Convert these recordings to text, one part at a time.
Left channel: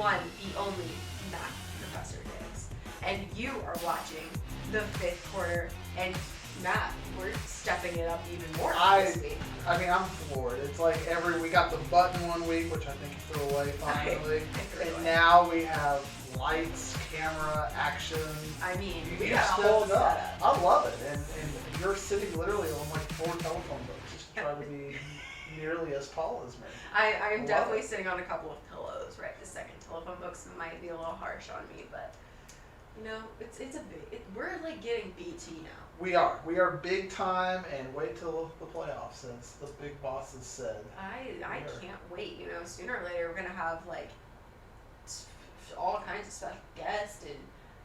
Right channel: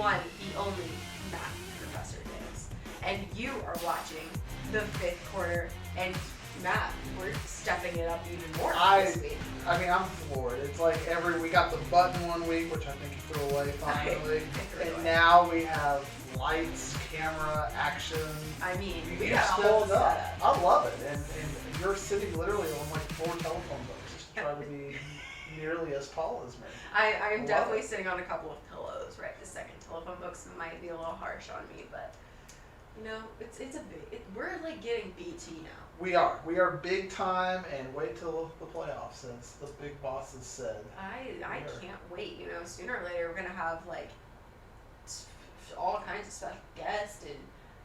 one, the only math professor Diggs. And you are watching the 5th quarter, and Matt, we're stepping it up even more this week. I mean, I'm floored. It's like we got the button one week, which I think you threw away finally. And now we have lights, camera, action. I mean, we got a whole setup. I love it. And you're sitting literally on like 4 telephone books to try to be nearly as tall as me. I'm definitely sitting on a couple of pillows, right? The second telephone books might be a little harsh on me, but you know, we're like getting BT now. We are big time, and wait till the playoffs, as the big bosses said. I can't wait. You know, sooner or later we're gonna have like all kinds of special guests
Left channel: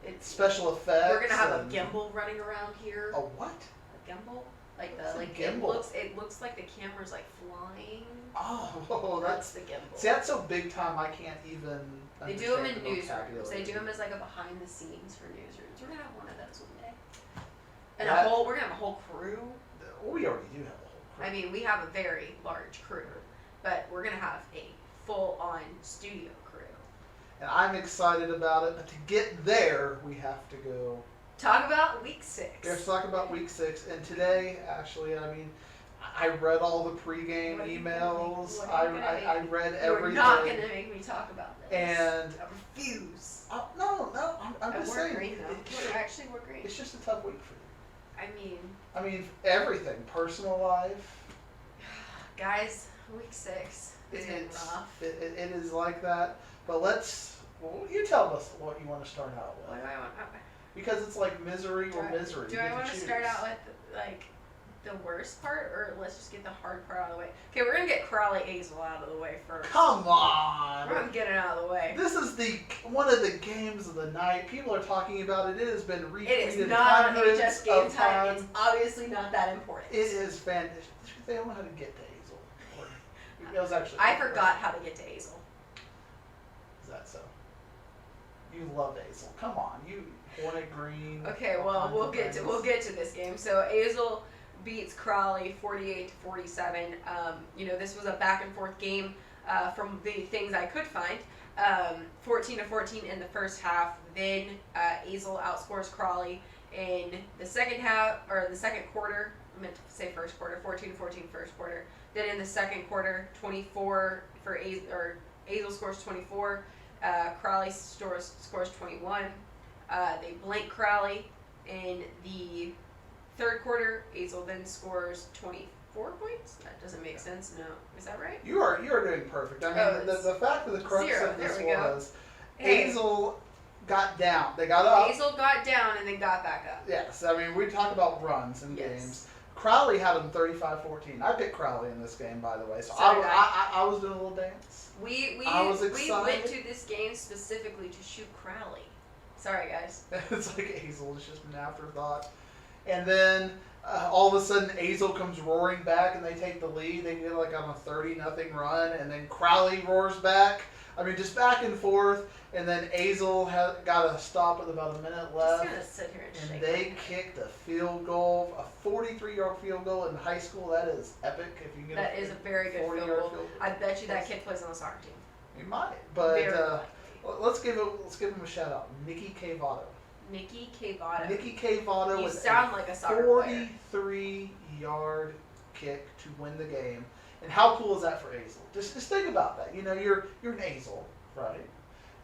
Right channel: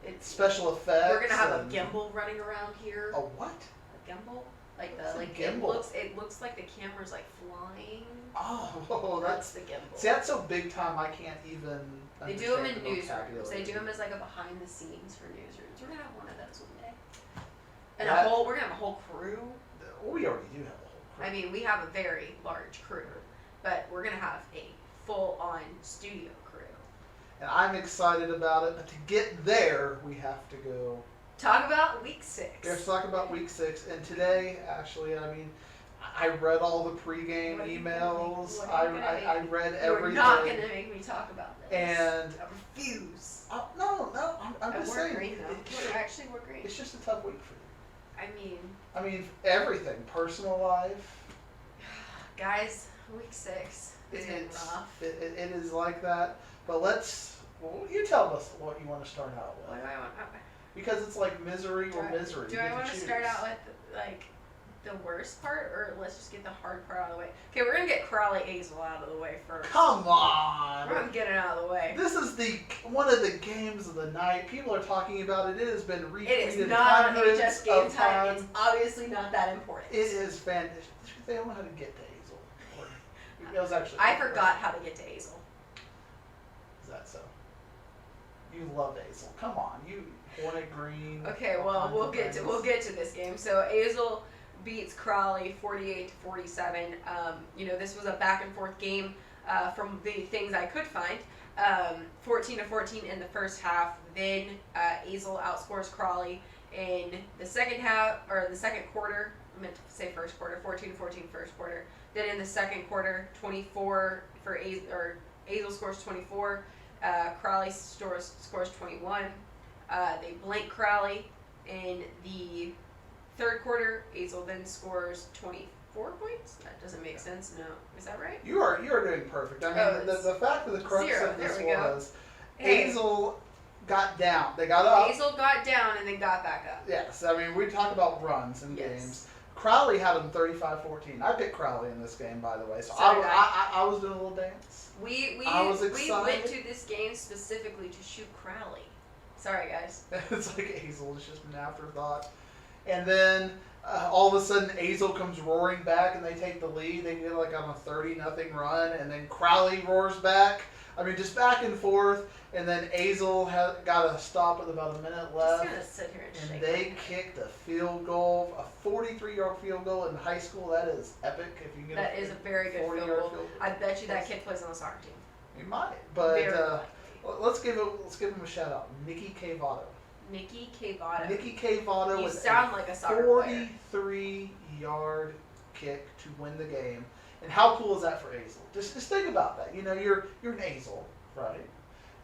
and special effects. We're gonna have a gimbal running around here. A what? A gimbal? Like gimbal? It looks like the camera's like flying. Oh, that's the gimbal. See, that's so big time. I can't even. They do them in newsrooms. They do them as like a behind the scenes for newsrooms. We're gonna have one of those one day. And we're gonna have a whole crew. We already do have a whole crew. I mean, we have a very large crew, but we're gonna have a full-on studio crew. And I'm excited about it, but to get there, we have to go. Talk about week 6. Let's talk about week 6. And today, actually, I mean, I read all the pregame emails. I read everything. You're not going to make me talk about this. And I refuse. No, I'm just saying. Green, though. Actually, we're green. It's just a tough week for you. I mean, everything. Personal life. Guys, week 6 is rough. It is like that. But you tell us what you want to start out with. What do I want? Because it's like misery or misery. Do I want to start out with like the worst part, or let's just get the hard part out of the way? Okay, we're gonna get Crawley Azle out of the way first. Come on! We're gonna get it out of the way. This is one of the games of the night. People are talking about it. It has been retweeted. It is not on HS Game Time. It's obviously not that important. It is fantastic. They don't know how to get to Azle. It was actually. I forgot how to get to Azle. Is that so? You love Azle. Come on, you Hornet Green. Okay, well we'll get to this game. So Azle beats Crawley 48-47. You know, this was a back and forth game from the things I could find. 14-14 in the first half. Then Azle outscores Crawley in the second half, or the second quarter. I meant to say first quarter. 14-14 first quarter. Then in the second quarter, 24 for Azle scores 24. Crawley scores 21. They blank Crawley in the third quarter. Azle then scores 24 points. That doesn't make sense. No, is that right? You are doing perfect. I mean, the fact of the crux of this was Azle got down. They got up. Azle got down and then got back up. Yes, I mean we talk about runs in games. Crawley had them 35-14. I picked Crawley in this game, by the way. So I was doing a little dance. We went to this game specifically to shoot Crawley. Sorry, guys. It's like Azle is just an afterthought. And then all of a sudden Azle comes roaring back and they take the lead. They get like on a 30-0 run, and then Crawley roars back. I mean, just back and forth. And then Azle got a stop with about a minute left. Just gonna sit here and shake. They kicked a field goal, a 43-yard field goal in high school. That is epic. If you can get that is a very good field goal. I bet you that kid plays on the soccer team. He might, but let's give him a shout out. Nicky Cavato. Nicky Cavato. Nicky Cavato with like a soccer player. 43-yard kick to win the game. And how cool is that for Azle? Just think about that. You know, you're an Azle, right?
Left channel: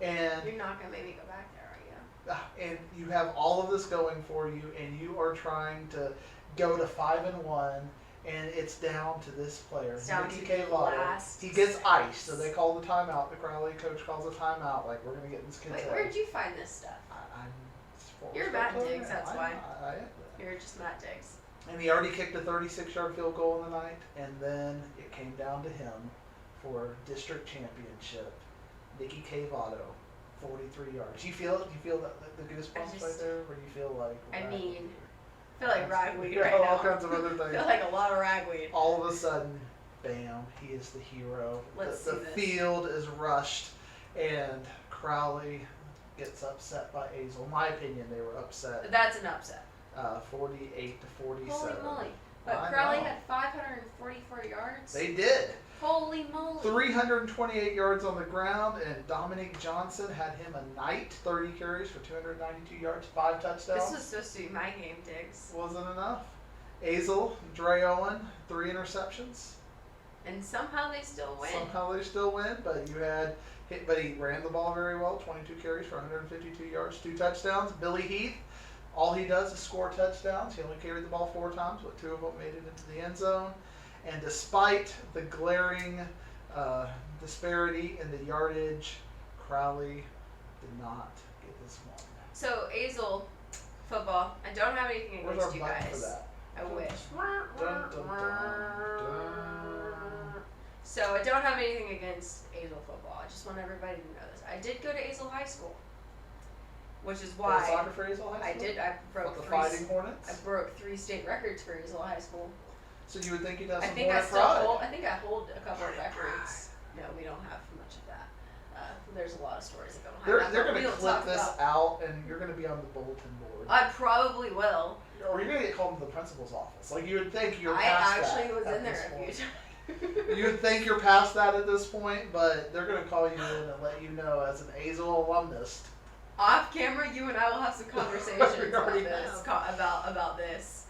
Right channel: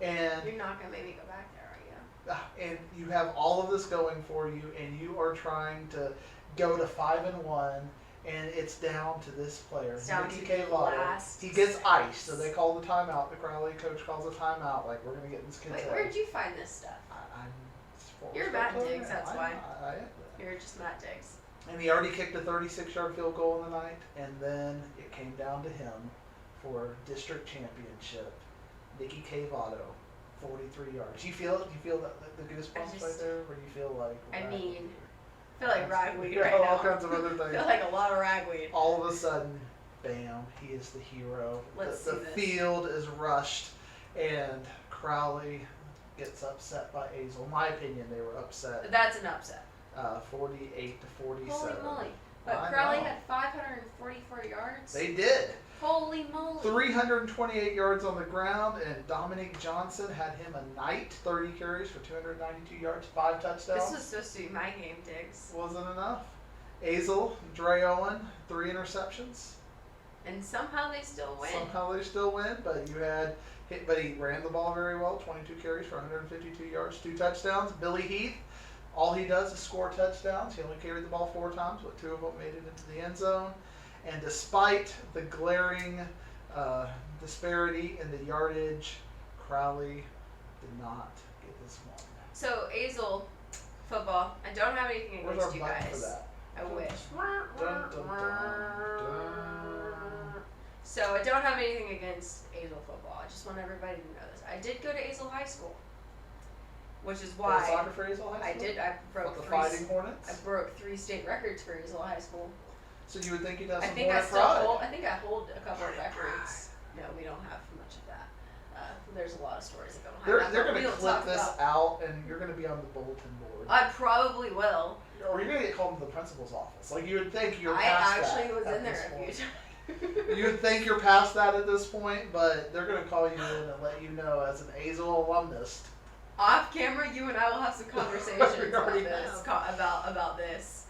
And you're not gonna make me go back there, are you? And you have all of this going for you, and you are trying to go to 5-1, and it's down to this player, Nicky Cavato. He gets iced, so they call the timeout. The Crawley coach calls a timeout, like we're gonna get this kid. Wait, where did you find this stuff? You're Matt Diggs, that's why. I am. You're just Matt Diggs. And he already kicked a 36-yard field goal in the night, and then it came down to him for district championship. Nicky Cavato, 43 yards. You feel the goosebumps right there, or you feel like? I feel like ragweed right now. All kinds of other things. I feel like a lot of ragweed. All of a sudden, bam! He is the hero. The field is rushed, and Crawley gets upset by Azle. In my opinion, they were upset. That's an upset. 48-47. Holy moly! But I Crowley know. had 544 yards. They did. Holy moly. 328 yards on the ground, and Dominique Johnson had him a night. 30 carries for 292 yards, 5 touchdowns. This was supposed to be my game, Diggs. Wasn't enough. Azel, Dre Owen, 3 interceptions. And somehow they still win. Somehow they still win, but he ran the ball very well. 22 carries for 152 yards, 2 touchdowns. Billy Heath, all he does is score touchdowns. He only carried the ball 4 times, but 2 of them made it into the end zone. And despite the glaring disparity in the yardage, Crowley did not get this one. So, Azel football, I don't have anything Where's against our you button guys. for that? I wish. Dun, dun, dun. So, I don't have anything against Azel football. I just want everybody to know this. I did go to Azel High School, which is Play why soccer for Azel High I School? did. I broke With the three. Fighting Hornets? I broke 3 state records for Azel High School. So you would think you'd have I some think I Hornet still pride. hold. I think I hold a couple of records. No, we don't have much of that. There's a lot of stories that go behind They're that. going we to don't clip talk this about. out, and you're going to be on the bulletin board. I probably will. Or you're going to get called to the principal's office. Like, you would think you're I past actually that was at in there this a few point. times. You would think you're past that at this point, but they're going to call you in and let you know as an Azel alumnus. Off camera, you and I will have some conversations We about already this. have. About this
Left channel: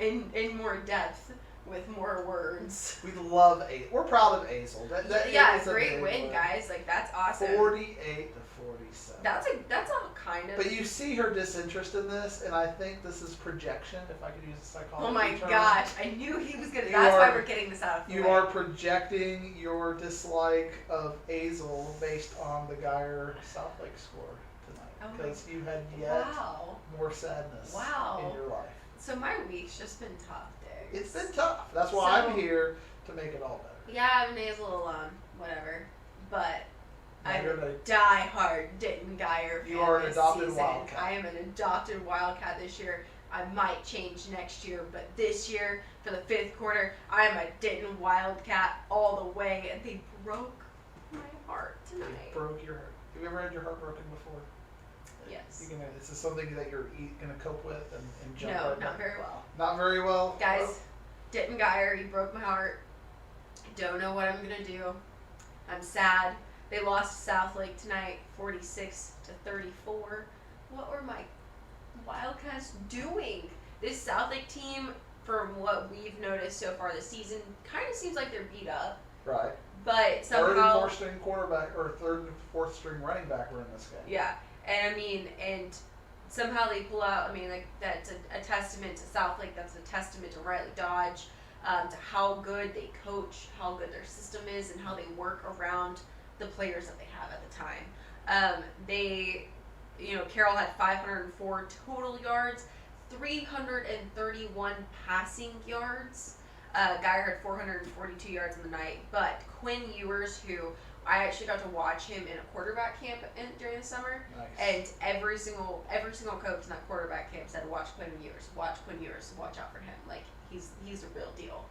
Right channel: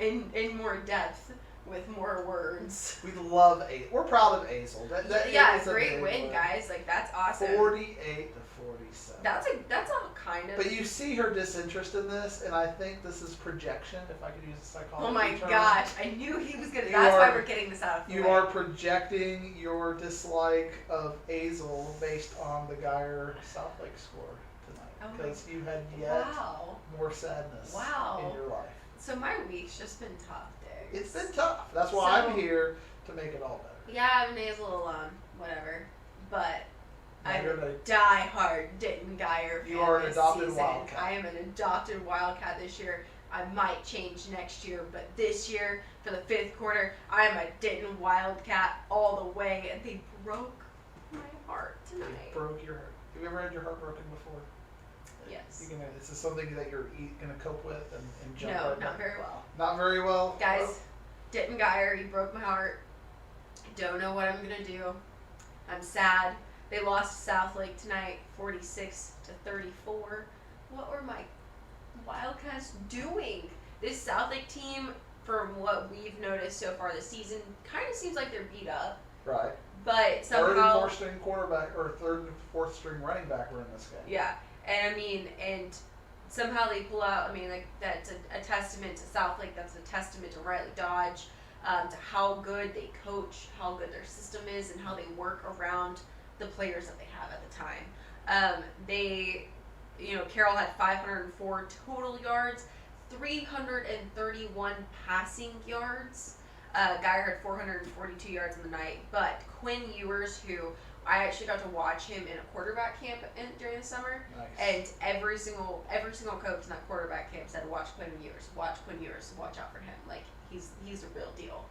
in more depth with more words. We love Azel. We're proud of Azel. That Yeah, is a great big win, guys. Like that's awesome. 48 to 47. That's a kind of. But you see her disinterest in this, and I think this is projection, if I could use a psychology Oh my term. gosh! I knew he was gonna. You That's why are- we're getting this out of the You way. are projecting your dislike of Azel based on the Geyer South Lake score Oh tonight, my- because you had yet Wow. more sadness Wow. in your life. So my week's just been tough, Diggs. It's been tough. That's why So- I'm here to make it all better. Yeah, I'm an Azel alum, whatever. But Now I'm you're a gonna- die-hard Denton Geyer fan You are an this adopted season. Wildcat. I am an adopted Wildcat this year. I might change next year, but this year, for the 5th quarter, I am a Denton Wildcat all the way, and they broke my heart It tonight. broke your heart. Have you ever had your heart broken before? Yes. Is this something that you're gonna cope with and jump No, right not back? very well. Not very well. Guys, Denton Geyer, you broke my heart. I don't know what I'm gonna do. I'm sad. They lost to South Lake tonight, 46 to 34. What were my Wildcats doing? This South Lake team, from what we've noticed so far this season, kind of seems like they're beat up. Right. But Third and somehow, fourth string quarterback, or third and fourth string running back were in this game. yeah. And I mean, and somehow they pull out. I mean, like that's a testament to South Lake. That's a testament to Riley Dodge, to how good they coach, how good their system is, and how they work around the players that they have at the time. Carroll had 504 total yards, 331 passing yards. Geyer had 442 yards in the night, but Quinn Ewers, who I actually got to watch him in a quarterback camp during the summer, Nice. and every single coach in that quarterback camp said, "Watch Quinn Ewers, watch out for him. Like he's a real deal."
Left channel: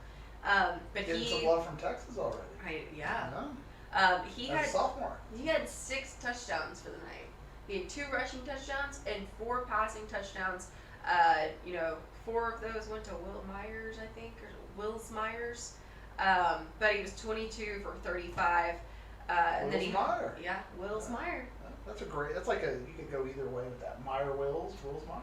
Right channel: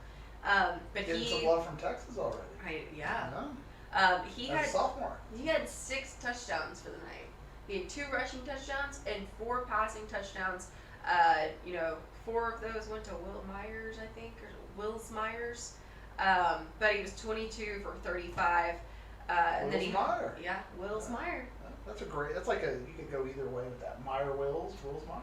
But Getting some love from Texas already. he As a had sophomore. 6 touchdowns for the night. He had 2 rushing touchdowns and 4 passing touchdowns. 4 of those went to Will Myers, I think, or Wills Myers. But he was 22 for 35. And then Wills Meyer. Yeah, Wills Meyer. That's you could go either way with that. Meyer Wills Meyer.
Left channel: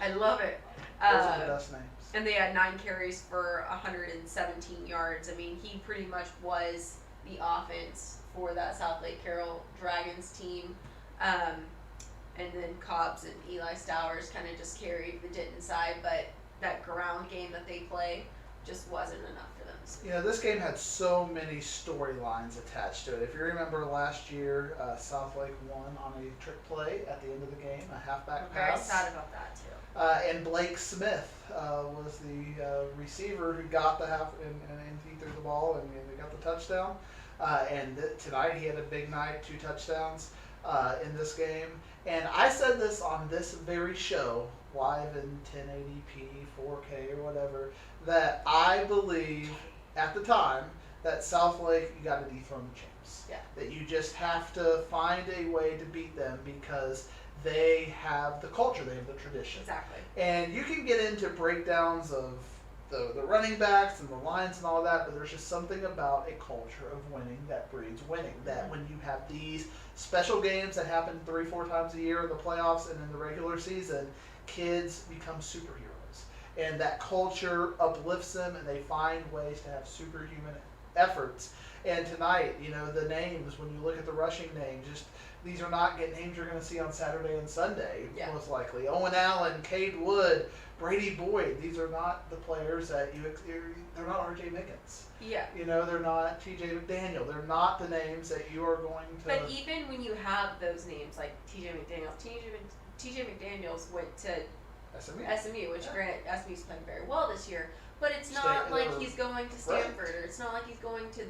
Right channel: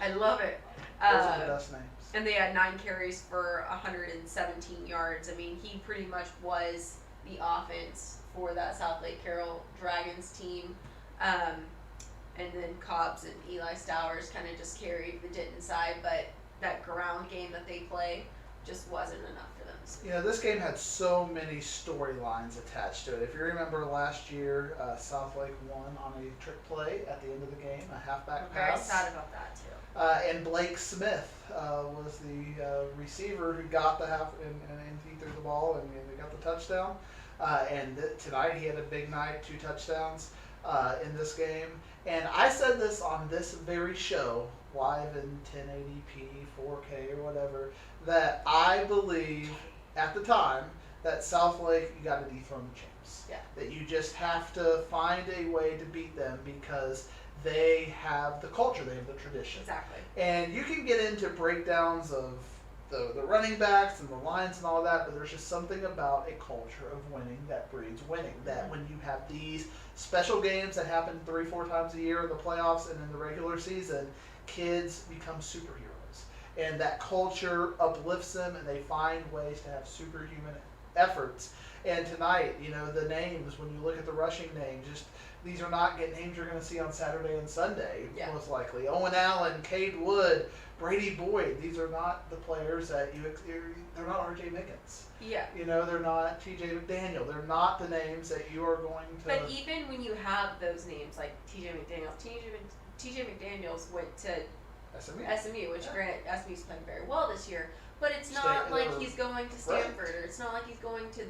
I love it. Those are the best names. And they had 9 carries for 117 yards. I mean, he pretty much was the offense for that South Lake Carroll Dragons team. And then Cobbs and Eli Stowers kind of just carried the Denton side, but that ground game that they play just wasn't enough for them. This game had so many storylines attached to it. If you remember last year, South Lake won on a trick play at the end of the game, a halfback I'm very pass. sad about that too. And Blake Smith was the receiver who got the and he threw the ball and they got the touchdown. Tonight he had a big night, 2 touchdowns in this game. And I said this on this very show, live in 1080p, 4K or whatever, that I believe at the time that South Lake, you got to dethrone the champs. Yeah. That you just have to find a way to beat them because they have the culture, they have the tradition. Exactly. And you can get into breakdowns of the running backs and the lines and all that, but there's just something about a culture of winning that breeds winning. That when you have these special games that happen 3-4 times a year in the playoffs and in the regular season, kids become superheroes. And that culture uplifts them and they find ways to have superhuman efforts. And tonight, the names, when you look at the rushing names, just these are not names you're going to see on Saturday and Sunday, most likely. Owen Allen, Cade Wood, Brady Boyd. These are not the players that they're not R.J. Mickens. Yeah. They're not T.J. McDaniel. They're not the names that you are going to. But even when you have those names like T.J. McDaniels went to SMU, which granted SMU's playing very well this year, but it's not like he's going to Stanford, or it's not like he's going to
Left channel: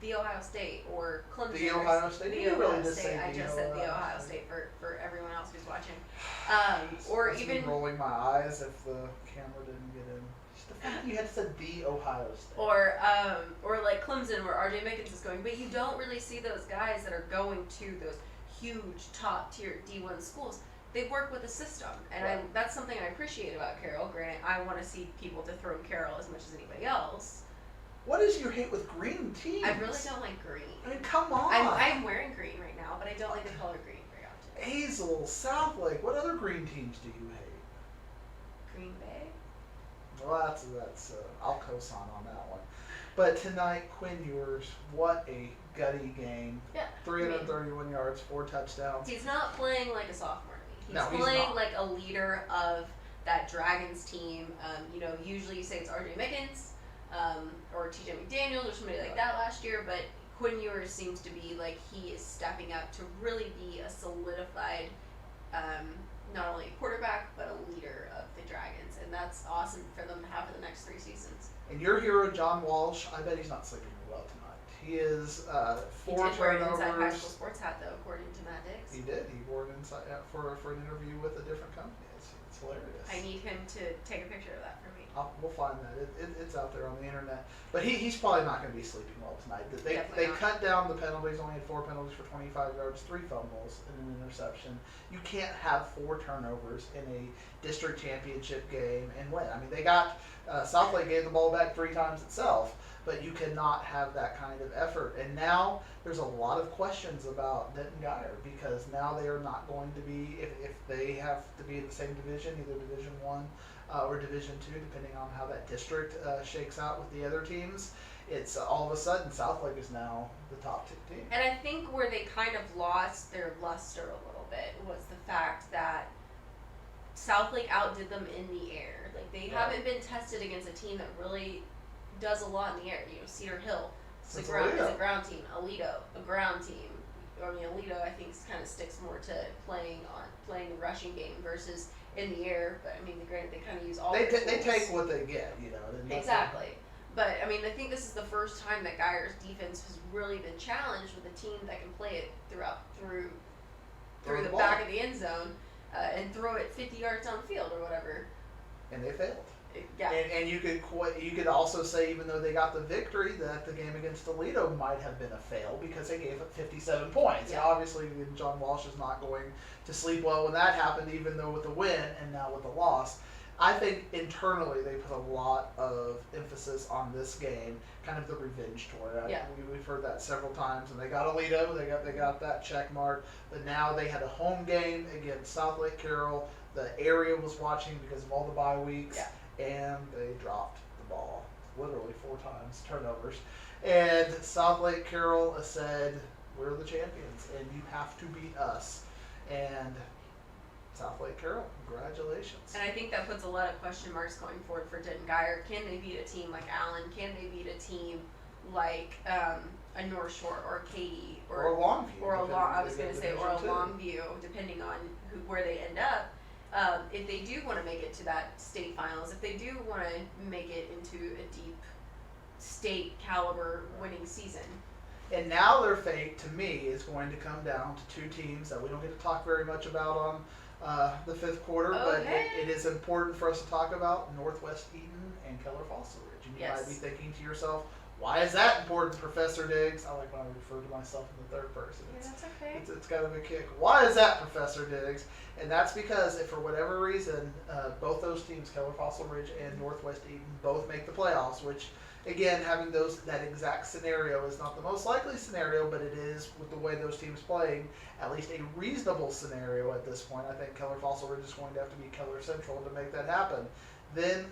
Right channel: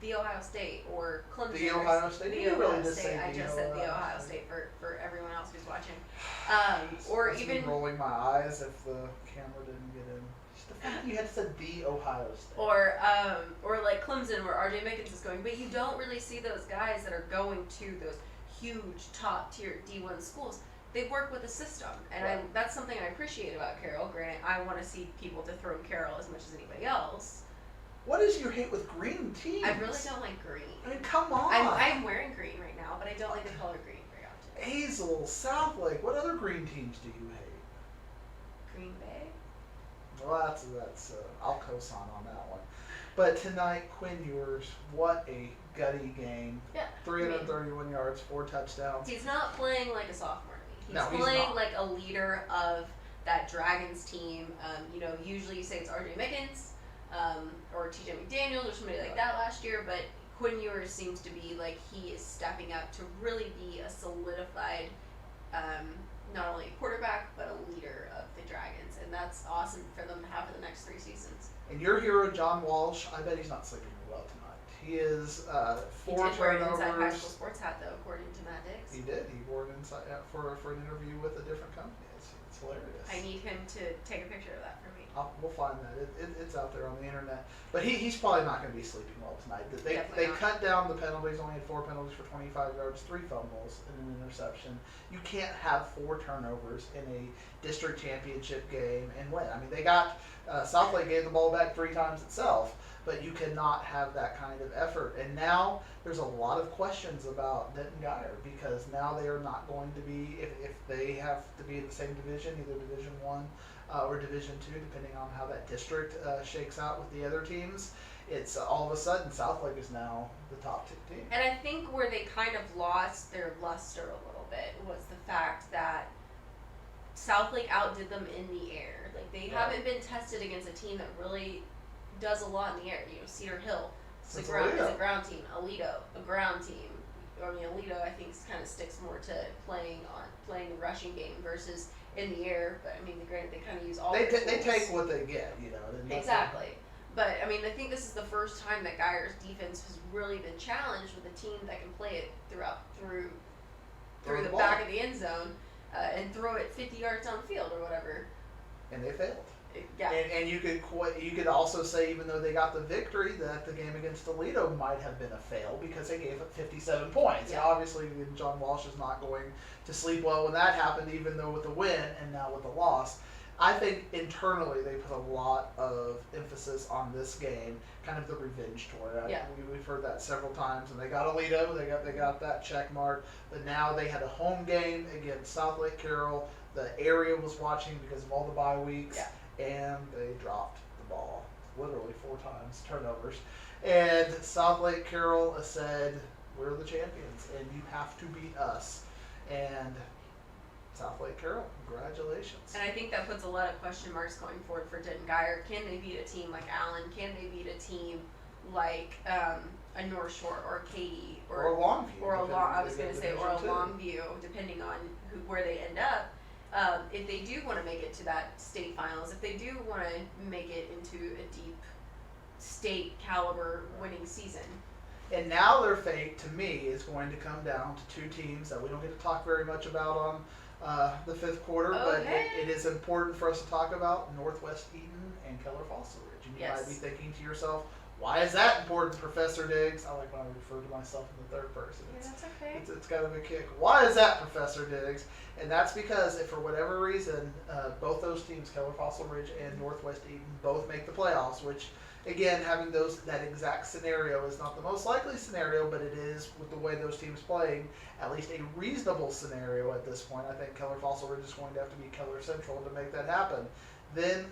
the Ohio State or Clemson. The Ohio State. The Ohio State. I just said the Ohio State for everyone else who's watching. Or even rolling my eyes if the camera didn't get in. Just the fact you had said the Ohio State. Or like Clemson, where R.J. Mickens is going, but you don't really see those guys that are going to those huge top tier D1 schools. They work with a system, and that's something I appreciate about Carroll. Granted, I want to see people dethrone Carroll as much as anybody else. What is your hate with green teams? I really don't like green. I mean, come on. I'm wearing green right now, but I don't like the color green very often. Hazel, Southlake. What other green teams do you hate? Green Bay. Well, that's I'll co-sign on that one. But tonight, Quinn Ewers, what a gutty game. Yeah. 331 yards, 4 touchdowns. He's not playing like a sophomore to me. He's playing not. like a leader of that Dragons team. Usually you say it's R.J. Mickens. Or T.J. McDaniels or somebody like that last year, but Quinn Ewers seems to be like he is stepping up to really be a solidified, not only a quarterback, but a leader of the Dragons, and that's awesome for them to have for the next 3 seasons. And your hero, John Walsh, I bet he's not sleeping well tonight. He is 4 he did wear an turnovers. Inside High School Sports hat, though, according to Matt Diggs. He did. He wore it inside for an interview with a different company. It's hilarious. I need him to take a picture of that for me. We'll find that. It's out there on the internet. But he's probably not going to be sleeping well tonight. They Definitely not. cut down the penalties. Only had 4 penalties for 25 yards, 3 fumbles, and an interception. You can't have 4 turnovers in a district championship game and win. I mean, they got Southlake gave the ball back 3 times itself, but you cannot have that kind of effort. And now there's a lot of questions about Denton Guyer because now they are not going to be, if they have to be in the same division, either Division I or Division II, depending on how that district shakes out with the other teams. It's all of a sudden Southlake is now the top 2 team. And I think where they kind of lost their luster a little bit was the fact that Southlake outdid them in the air. Like they haven't been tested against a team that really does a lot in the air. Cedar Hill is a ground team. Aledo, a ground team. I mean, Aledo I think kind of sticks more to playing the rushing game versus in the air. But I mean, granted, they kind of use all. They take what they get, Exactly. But I mean, I think this is the first time that Guyer's defense has really been challenged with a team that can play it through the back of the end zone and throw it 50 yards downfield or whatever. And they failed. Yeah. And you could also say, even though they got the victory, that the game against Toledo might have been a fail because they gave up 57 points. Yeah. And obviously, John Walsh is not going to sleep well when that happened, even though with the win and now with the loss. I think internally they put a lot of emphasis on this game, kind of the revenge tour. Yeah. We've heard that several times, and they got Aledo, they got that check mark, but now they had a home game against Southlake Carroll. The area was watching because of all the bye weeks. Yeah. And they dropped the ball literally 4 times, turnovers. And Southlake Carroll said, "We're the champions, and you have to beat us." And Southlake Carroll, congratulations. And I think that puts a lot of question marks going forward for Denton Guyer. Can they beat a team like Allen? Can they beat a team like a North Shore or Katy or a Longview? Or a Longview, depending on where they end up. If they do want to make it to that state finals, if they do want to make it into a deep state caliber winning season. And now their fate, to me, is going to come down to 2 teams that we don't get to talk very much about on the 5th quarter, but it is important for us to talk about: Northwest Eaton and Keller Fossil Ridge. And you might be thinking to yourself, Why is that important, Professor Diggs? I like when I refer to myself in the third person. Yeah, that's okay. It's kind of a kick. Why is that, Professor Diggs? And that's because if for whatever reason, both those teams, Keller Fossil Ridge and Northwest Eaton, both make the playoffs, which again, having that exact scenario is not the most likely scenario, but it is with the way those teams playing, at least a reasonable scenario at this point. I think Keller Fossil Ridge is going to have to be Keller Central to make that happen. Then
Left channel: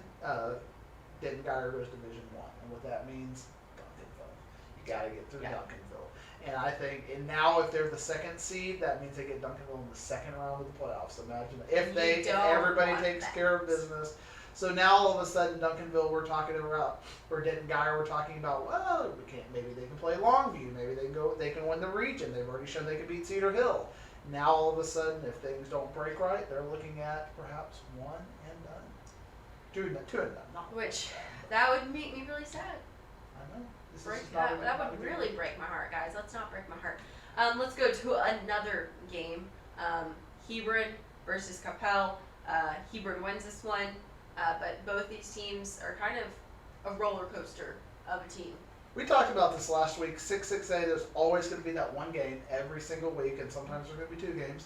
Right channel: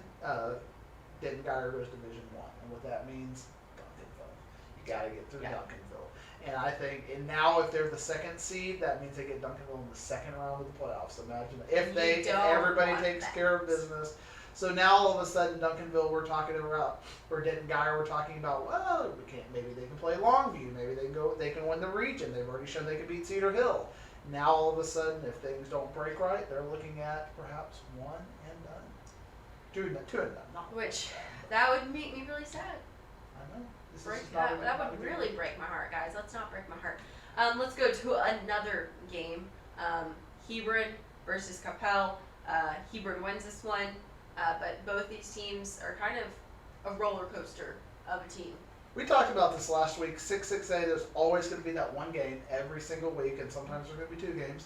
Denton Guyer goes Division I, and what that means, Duncanville. You got to get through Duncanville. And I think, and now if they're the second seed, that means they get Duncanville in the second round of the playoffs. Imagine if everybody takes care of business. So now all of a sudden, Duncanville, we're talking about, or Denton Guyer, we're talking about. Well, maybe they can play Longview. Maybe they can win the region. They've already shown they can beat Cedar Hill. Now all of a sudden, if things don't break right, they're looking at perhaps one and done, two and done. Not Which that would make me really sad. I know. That would really break my heart, guys. Let's not break my heart. Let's go to another game. Hebron versus Capel. Hebron wins this one. But both these teams are kind of a roller coaster of a team. We talked about this last week. 6-6A, there's always going to be that one game every single week, and sometimes there's going to be two games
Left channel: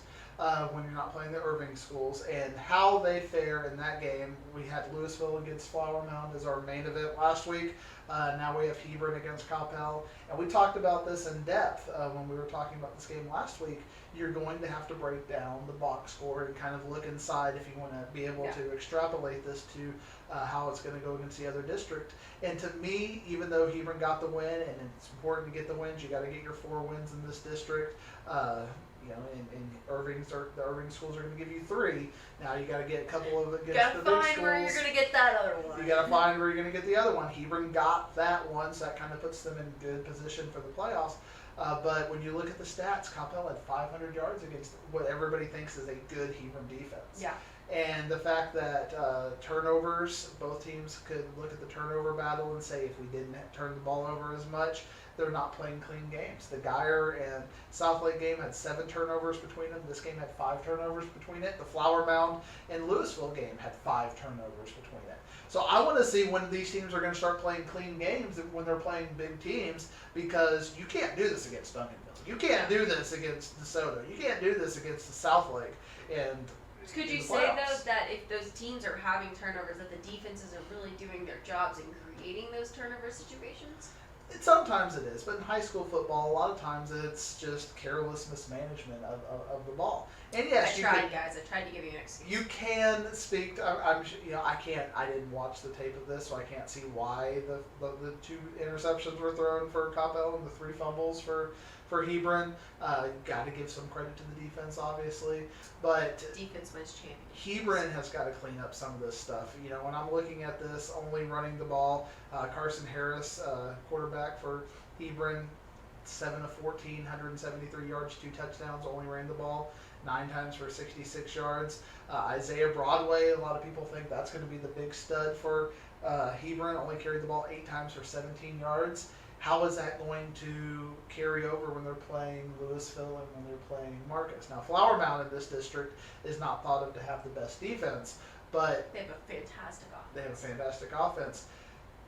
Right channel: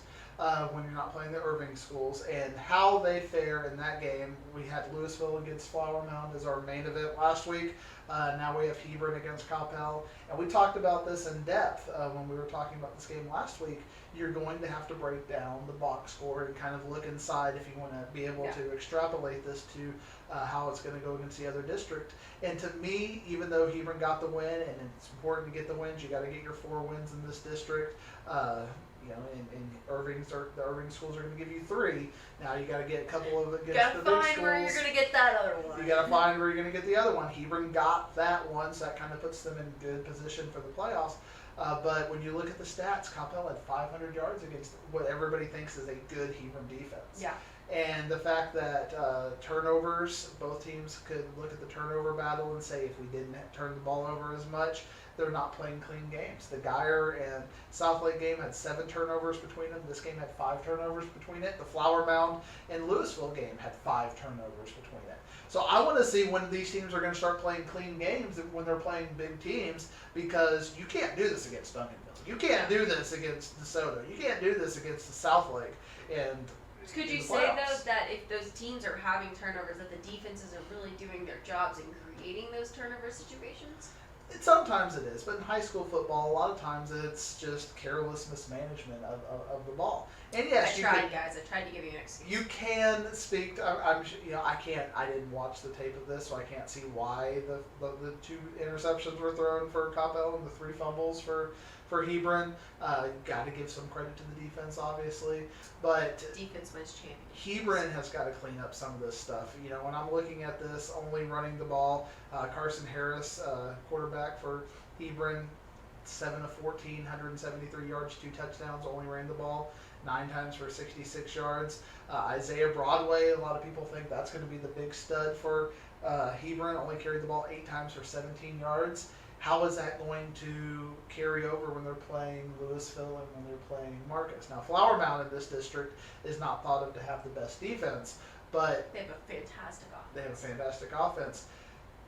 when you're not playing the Irving schools. And how they fare in that game, we had Louisville against Flower Mound as our main event last week. Now we have Hebron against Coppell. And we talked about this in depth when we were talking about this game last week. You're going to have to break down the box score and kind of look inside if you want to be able to extrapolate this to how it's going to go against the other district. And to me, even though Hebron got the win, and it's important to get the wins, you got to get your 4 wins in this district. You know, and the Irving schools are going to give you 3. Now you got to get a couple of against the big schools. You got to find where you're going to get that other one. You got to find where you're going to get the other one. Hebron got that one, so that kind of puts them in good position for the playoffs. But when you look at the stats, Coppell had 500 yards against what everybody thinks is a good Hebron defense. Yeah. And the fact that turnovers, both teams could look at the turnover battle and say if we didn't turn the ball over as much, they're not playing clean games. The Guyer and Southlake game had 7 turnovers between them. This game had 5 turnovers between it. The Flower Mound and Louisville game had 5 turnovers between it. So I want to see when these teams are going to start playing clean games when they're playing big teams, because you can't do this against Duncanville. You can't do this against DeSoto. You can't do this against the Southlake. And could you say, though, that if those teams are having turnovers, that the defenses are really doing their jobs in creating those turnover situations? Sometimes it is, but in high school football, a lot of times it's just careless mismanagement of the ball. And yes, I tried to give you an excuse. You can speak. I didn't watch the tape of this, so I can't see why the 2 interceptions were thrown for Coppell and the 3 fumbles for Hebron. Got to give some credit to the defense, obviously, but defense wins championships. Hebron has got to clean up some of this stuff. You know, when I'm looking at this, only running the ball, Carson Harris, quarterback for Hebron, 7 of 14, 173 yards, 2 touchdowns, only ran the ball 9 times for 66 yards. Isaiah Broadway, a lot of people think that's going to be the big stud for Hebron, only carried the ball 8 times for 17 yards. How is that going to carry over when they're playing Louisville and when they're playing Marcus? Now, Flower Mound in this district is not thought of to have the best defense, but they have a fantastic offense. They have a fantastic offense.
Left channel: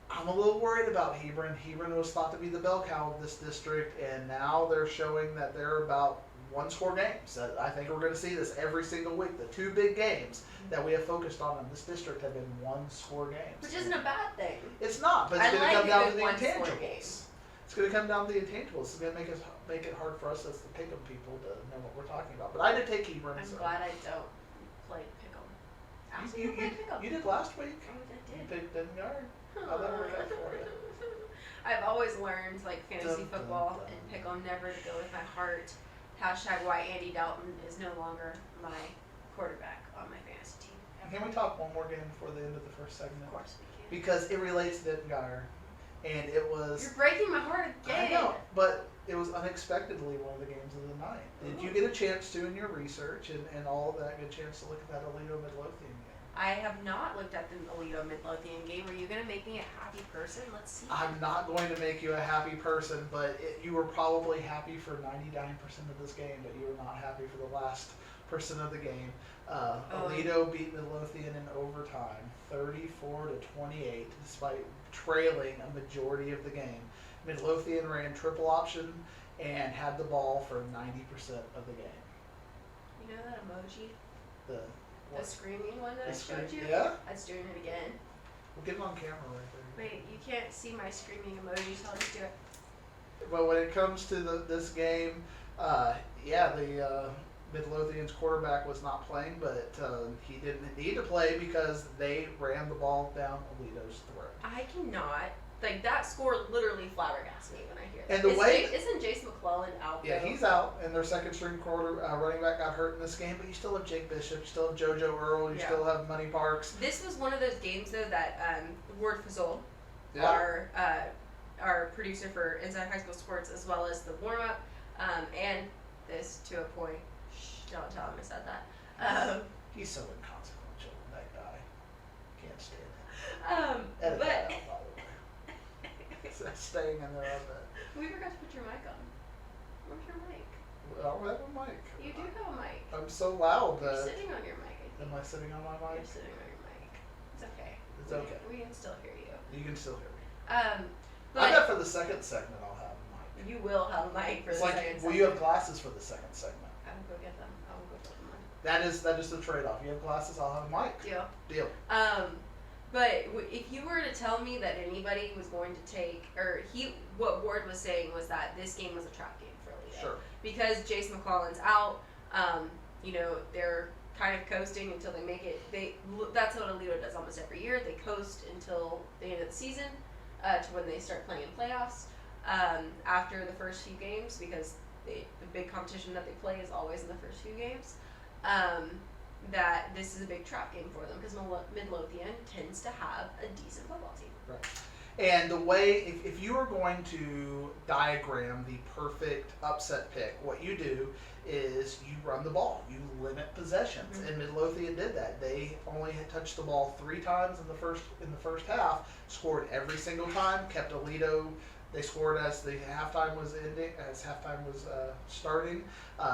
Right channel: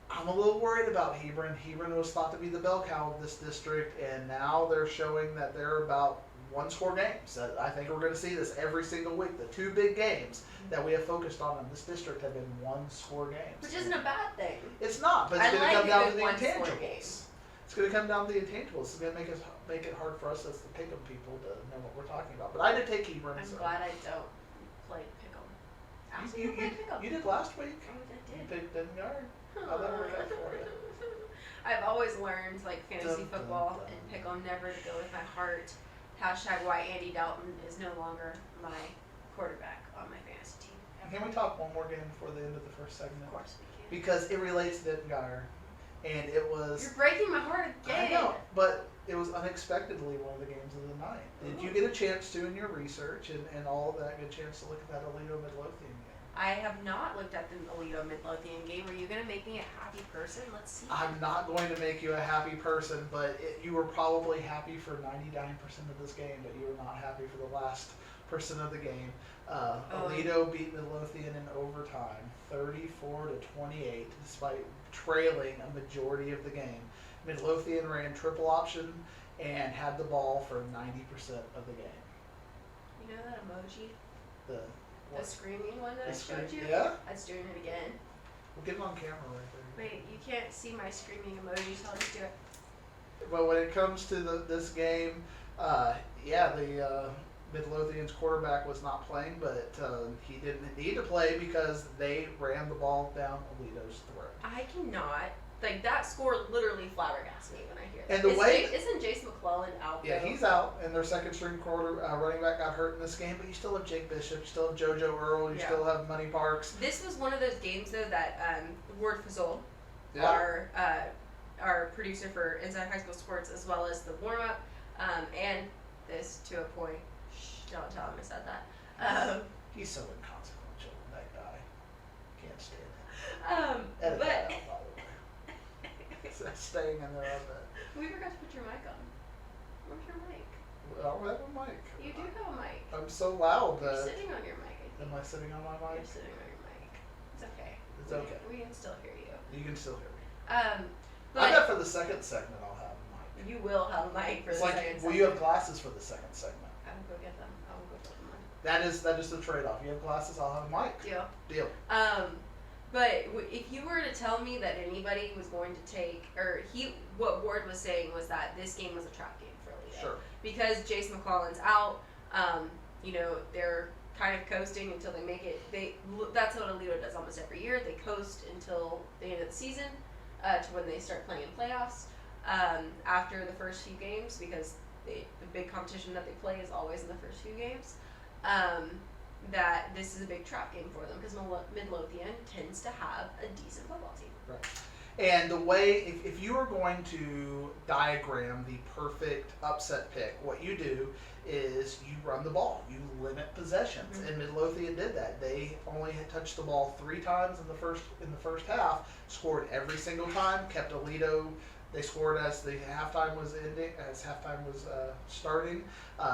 I'm a little worried about Hebron. Hebron was thought to be the bell cow of this district, and now they're showing that they're about 1-score games. I think we're going to see this every single week. The 2 big games that we have focused on in this district have been 1-score games. Which isn't a bad thing. It's not, but it's going to come down to the intangibles. It's going to come down to the intangibles. It's going to make it hard for us as the pick'em people to know what we're talking about. But I did take Hebron. I'm glad I don't play pick'em. You did last week. Oh, I did. You picked Denton Guyer. How'd that work out for you? I've always learned, like, fantasy football and pick'em never to go with my heart. # why Andy Dalton is no longer my quarterback on my fantasy team. Can we talk one more game before the end of the first segment? Of course we can. Because it relates to Denton Guyer. And it was... You're breaking my heart again. I know, but it was unexpectedly one of the games of the night. Did you get a chance to, in your research and all of that, get a chance to look at that Aledo Midlothian game? I have not looked at the Aledo Midlothian game. Are you going to make me a happy person? Let's see. I'm not going to make you a happy person, but you were probably happy for 99% of this game, but you were not happy for the last person of the game. Aledo beat Midlothian in overtime, 34-28, despite trailing a majority of the game. Midlothian ran triple option and had the ball for 90% of the game. You know that emoji? The screaming one that I showed you? Yeah? That's doing it again. We'll get it on camera right there. Wait, you can't see my screaming emoji, so I'll just do it. But when it comes to this game, the Midlothian's quarterback was not playing, but he didn't need to play because they ran the ball down Aledo's throat. I cannot. Like, that score literally flabbergasts me when I hear that. And the way... Isn't Jace McClellan out Yeah, though? he's out, and their second string running back got hurt in this game, but you still have Jake Bishop, you still have JoJo Earl, you still have Money Parks. This was one of those games, though, that Ward Fazol, our producer for Inside High School Sports, as well as the warm-up, and this to a point. Shh, don't tell him I said that. He's so inconsequential, that guy. Can't stand him. Edit that out, by the way. Staying in there on that. We forgot to put your mic on. Where's your mic? I don't have a mic. You do have a mic. I'm so loud You're that... sitting on your mic, I think. Am I sitting on my mic? You're sitting on your mic. It's okay. It's okay. We can still hear you. You can still hear me. But I bet for the second segment I'll have a mic. you will have a mic for It's the like, second will you have glasses for the second segment? I will go get them. I will go put them on. That is the trade-off. You have glasses, I'll have a mic. Deal. But if you were to tell me that anybody was going to take, what Ward was saying was that this game was a trap game for Aledo. Sure. Because Jace McClellan's out, they're kind of coasting until they make it. That's what Aledo does almost every year. They coast until the end of the season, to when they start playing in playoffs. After the first few games, because the big competition that they play is always in the first few games. That this is a big trap game for them because Midlothian tends to have a decent football team. Right. And the way, if you are going to diagram the perfect upset pick, what you do is you run the ball. You limit possessions. Mm-hmm. And Midlothian did that. They only had touched the ball 3 times in the first half, scored every single time, kept Aledo. They scored as the halftime was ending, as halftime was starting.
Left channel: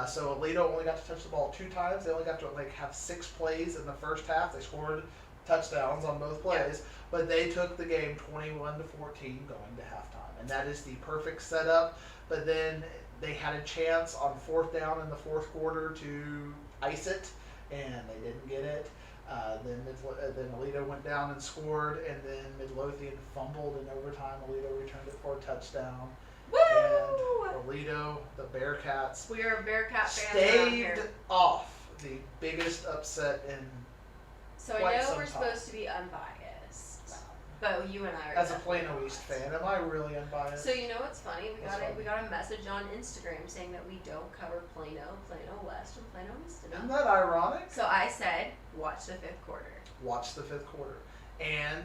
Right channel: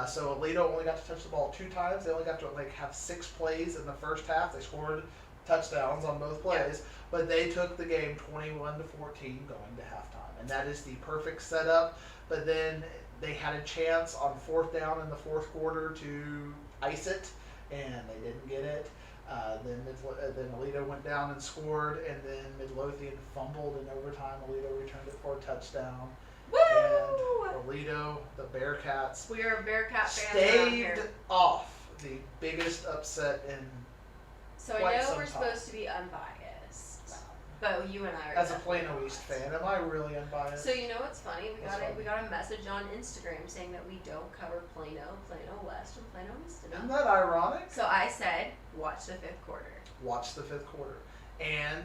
So Aledo only got to touch the ball 2 times. They only got to have 6 plays in the first half. They scored touchdowns on both plays, but they took the game 21-14 going to halftime, and that is the perfect setup. But then they had a chance on 4th down in the 4th quarter to ice it, and they didn't get it. Then Aledo went down and scored, and then Midlothian fumbled in overtime. Aledo returned it for a touchdown. Woo! And Aledo, the Bearcats, We are Bearcat fans around here. staved off the biggest upset in So I quite know some we're time. supposed to be unbiased, but you and I are As a definitely Plano East unbiased. fan, am I really unbiased? So you know what's funny? What's funny? We got a message on Instagram saying that we don't cover Plano, Plano West, and Plano East Isn't enough. that ironic? So I said, watch the 5th quarter. Watch the 5th quarter. And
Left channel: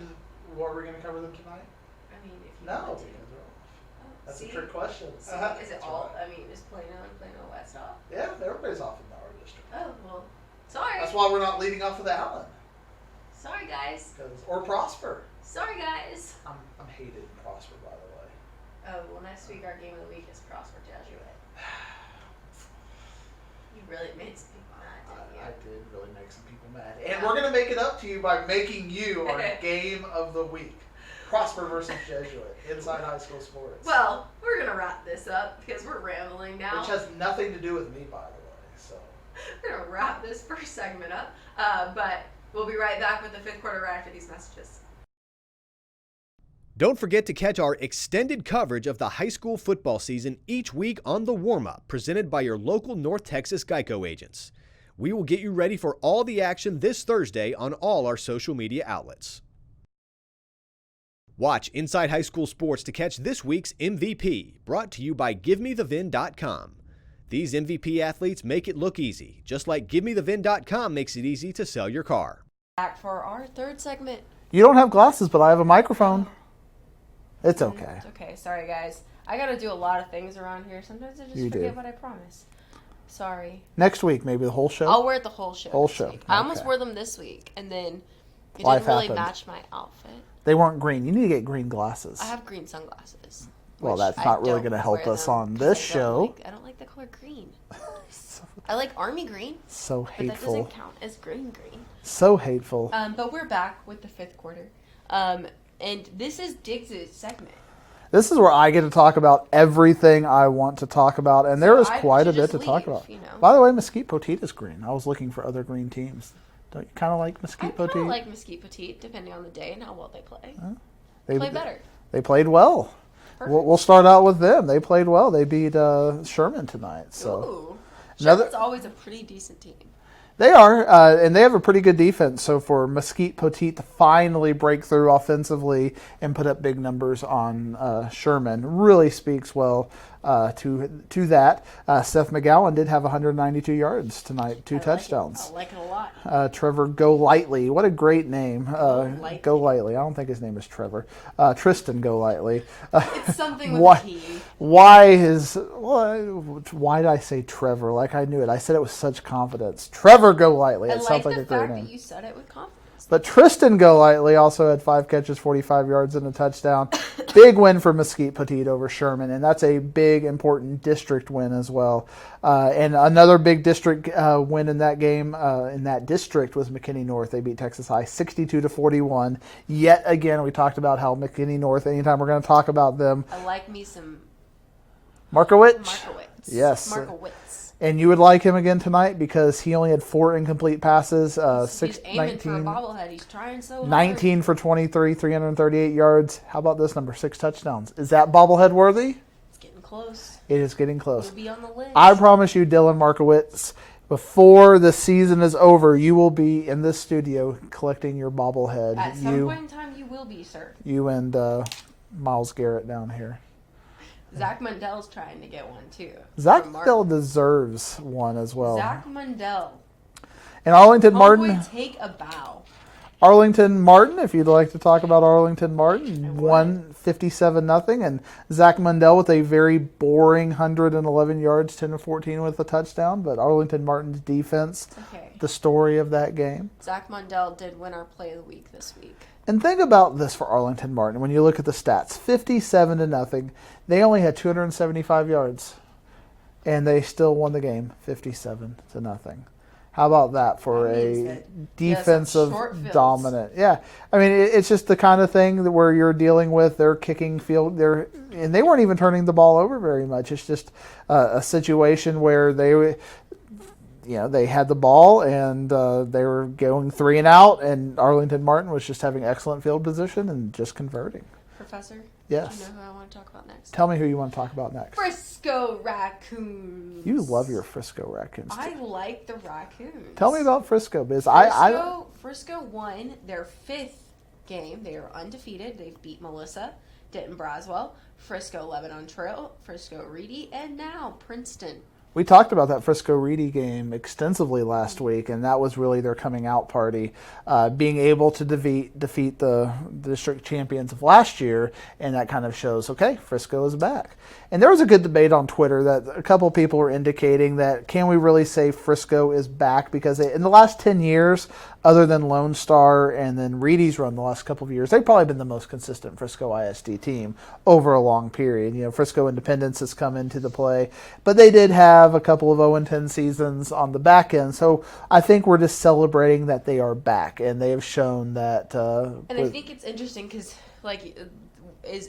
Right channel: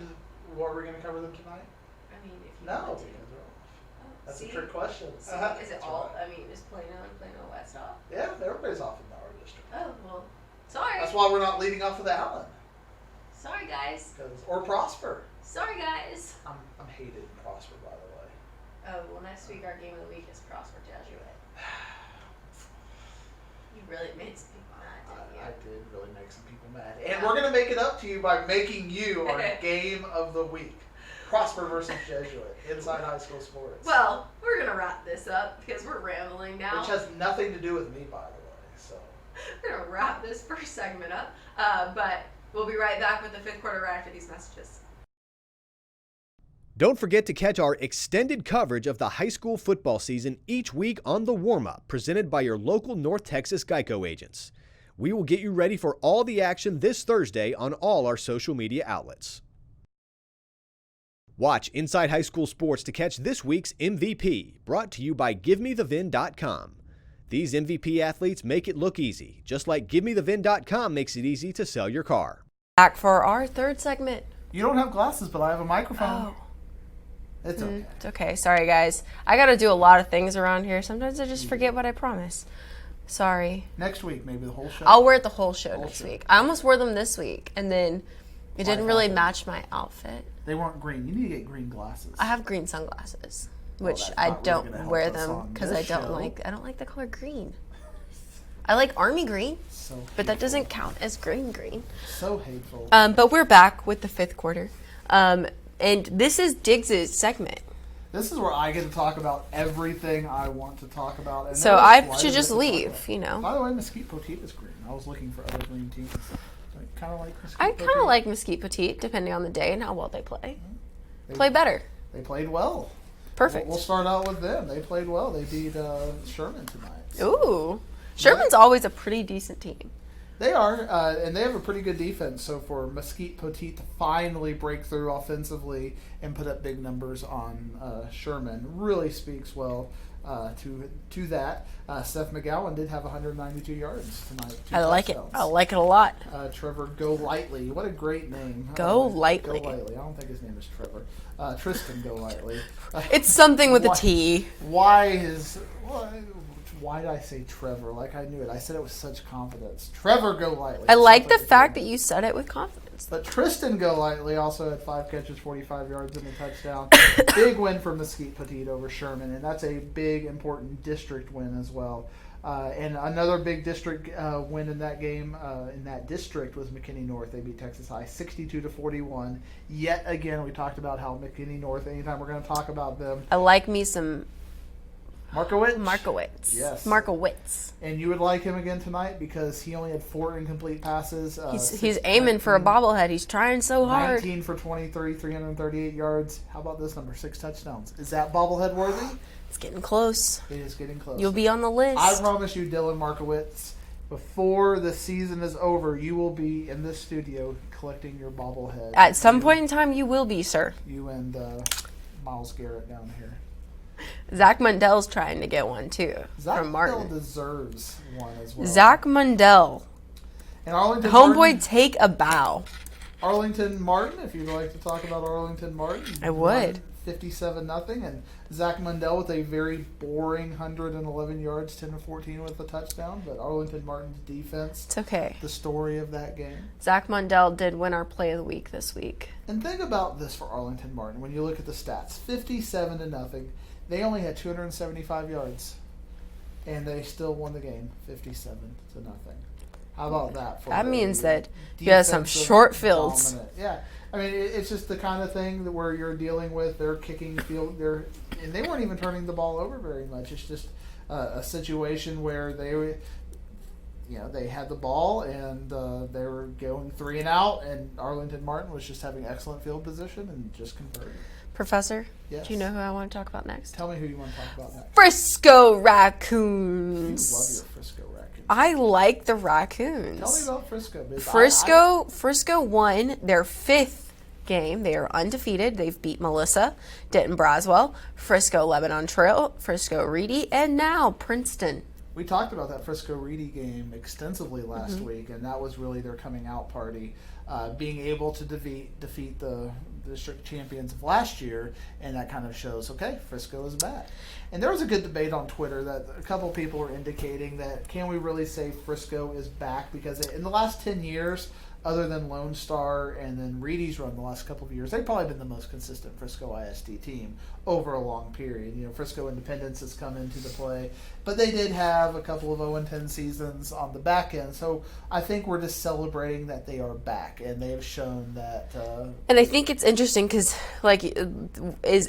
what are we going to cover them tonight? I mean, if you No, want to. because they're off. Oh, That's see? a trick question. See, is it That's all? right. I mean, is Plano and Plano West off? Yeah, everybody's off in our district. Oh well, sorry. That's why we're not leading off with Allen. Sorry guys. Or Prosper. Sorry guys. I'm hated in Prosper, by the way. Oh well, next week our game of the week is Prosper Jesuit. You really made some people mad, didn't you? I did really make some people mad. And we're going to make it up to you by making you our game of the week. Prosper versus Jesuit, Inside High School Sports. Well, we're gonna wrap this up because we're rambling now. Which has nothing to do with me, by the way. So We're gonna wrap this first segment up, but we'll be right back with the 5th quarter right after these messages. Don't forget to catch our extended coverage of the high school football season each week on The Warm-Up, presented by your local North Texas Geico agents. We will get you ready for all the action this Thursday on all our social media outlets. Watch Inside High School Sports to catch this week's MVP, brought to you by GiveMeTheVin.com. These MVP athletes make it look easy, just like GiveMeTheVin.com makes it easy to sell your car. Back for our 3rd segment. you don't have glasses, but I have a microphone. Oh. It's okay. It's okay. Sorry, guys. I got to do a lot of things around here. Sometimes I just You forget do. what I promise. Sorry. Next week, maybe the whole show. I'll wear it the whole show Whole next show, week. I almost okay. wore them this week, and then it Life didn't really happened. match my outfit. They weren't green. You need to get green glasses. I have green sunglasses. Well, which that's I not really don't gonna help wear us them on 'cause this I don't show. I don't like the color green. I like army green, So hateful. but that doesn't count as green. So hateful. But we're back with the fifth quarter. And this is Diggs' segment. This is where I get to talk about everything I want to talk about, and So there is I quite should a bit just to talk leave, about. you know. By the way, Mesquite Poteet is green. I was looking for other green teams. Don't you kind of like Mesquite I Poteet? kind of like Mesquite Petite, depending on the day and how well they play. They Play better. They played well. Perfect. We'll start out with them. They played well. They beat Sherman tonight. So. Ooh. Sherman's always a pretty decent team. They are, and they have a pretty good defense. So for Mesquite Poteet to finally break through offensively and put up big numbers on Sherman really speaks well to that. Seth McGowan did have 192 yards tonight, 2 touchdowns. I like it a lot. Trevor Golightly, what a great name. Golightly. Golightly. I don't think his name is Trevor. Tristan Golightly. It's something with Why- a T. Why did I say Trevor? Like I knew it. I said it with such confidence. Trevor Golightly. I It like sounds the a fact great that name. you said it with confidence. But Tristan Golightly also had 5 catches, 45 yards, and a touchdown. Big win for Mesquite Poteet over Sherman, and that's a big, important district win as well. And another big district win in that game, in that district, was McKinney North. They beat Texas High 62-41. Yet again, we talked about how McKinney North, anytime we're going to talk about them, I like me some Markowitz. Markowitz. Yes. Markowitz. And you would like him again tonight because he only had 4 incomplete passes. He's aiming for a bobblehead. He's trying so hard. 19 for 23, 338 yards. How about this number? 6 touchdowns. Is that bobblehead worthy? It's getting close. It is getting close. You'll be on the list. I promise you, Dylan Markowitz, before the season is over, you will be in this studio collecting your bobblehead. At some point in time, you will be, sir. You and Miles Garrett down here. Zach Mundell's trying to get one, too. Zach from still Martin. deserves one as well. Zach Mundell. And Arlington Martin. Homeboy, take a bow. Arlington Martin, if you'd like to talk about Arlington Martin. I would. Won 57-0. And Zach Mundell with a very boring 111 yards, 10 of 14 with a touchdown. But Arlington Martin's defense, It's okay. the story of that game. Zach Mundell did win our play of the week this week. And think about this for Arlington Martin. When you look at the stats, 57-0. They only had 275 yards. And they still won the game, 57-0. How about that for That means that you defensive have some short fields. dominant? Yeah, I mean it's just the kind of thing that where you're dealing with their kicking field. And they weren't even turning the ball over very much. It's just a situation where they had the ball and they were going 3 and out, and Arlington Martin was just having excellent field position and just converting. Professor? Yes. Do you know who I want to talk about next? Tell me who you want to talk about next. Frisco Raccoons. You love your Frisco Raccoons. I like the Raccoons. Tell me about Frisco, because Frisco won their 5th game. They are undefeated. They've beat Melissa, Denton Braswell, Frisco Lebanon Trail, Frisco Reedy, and now Princeton. We talked about that Frisco Reedy game extensively last week, and that was really their coming out party, being able to defeat the district champions of last year, and that kind of shows, okay, Frisco is back. And there was a good debate on Twitter that a couple of people were indicating that can we really say Frisco is back, because in the last 10 years, other than Lone Star and then Reedy's run the last couple of years, they've probably been the most consistent Frisco ISD team over a long period. You know, Frisco Independence has come into the play, but they did have a couple of 0-10 seasons on the back end. So I think we're just celebrating that they are back, and they have shown that. And I think it's interesting because,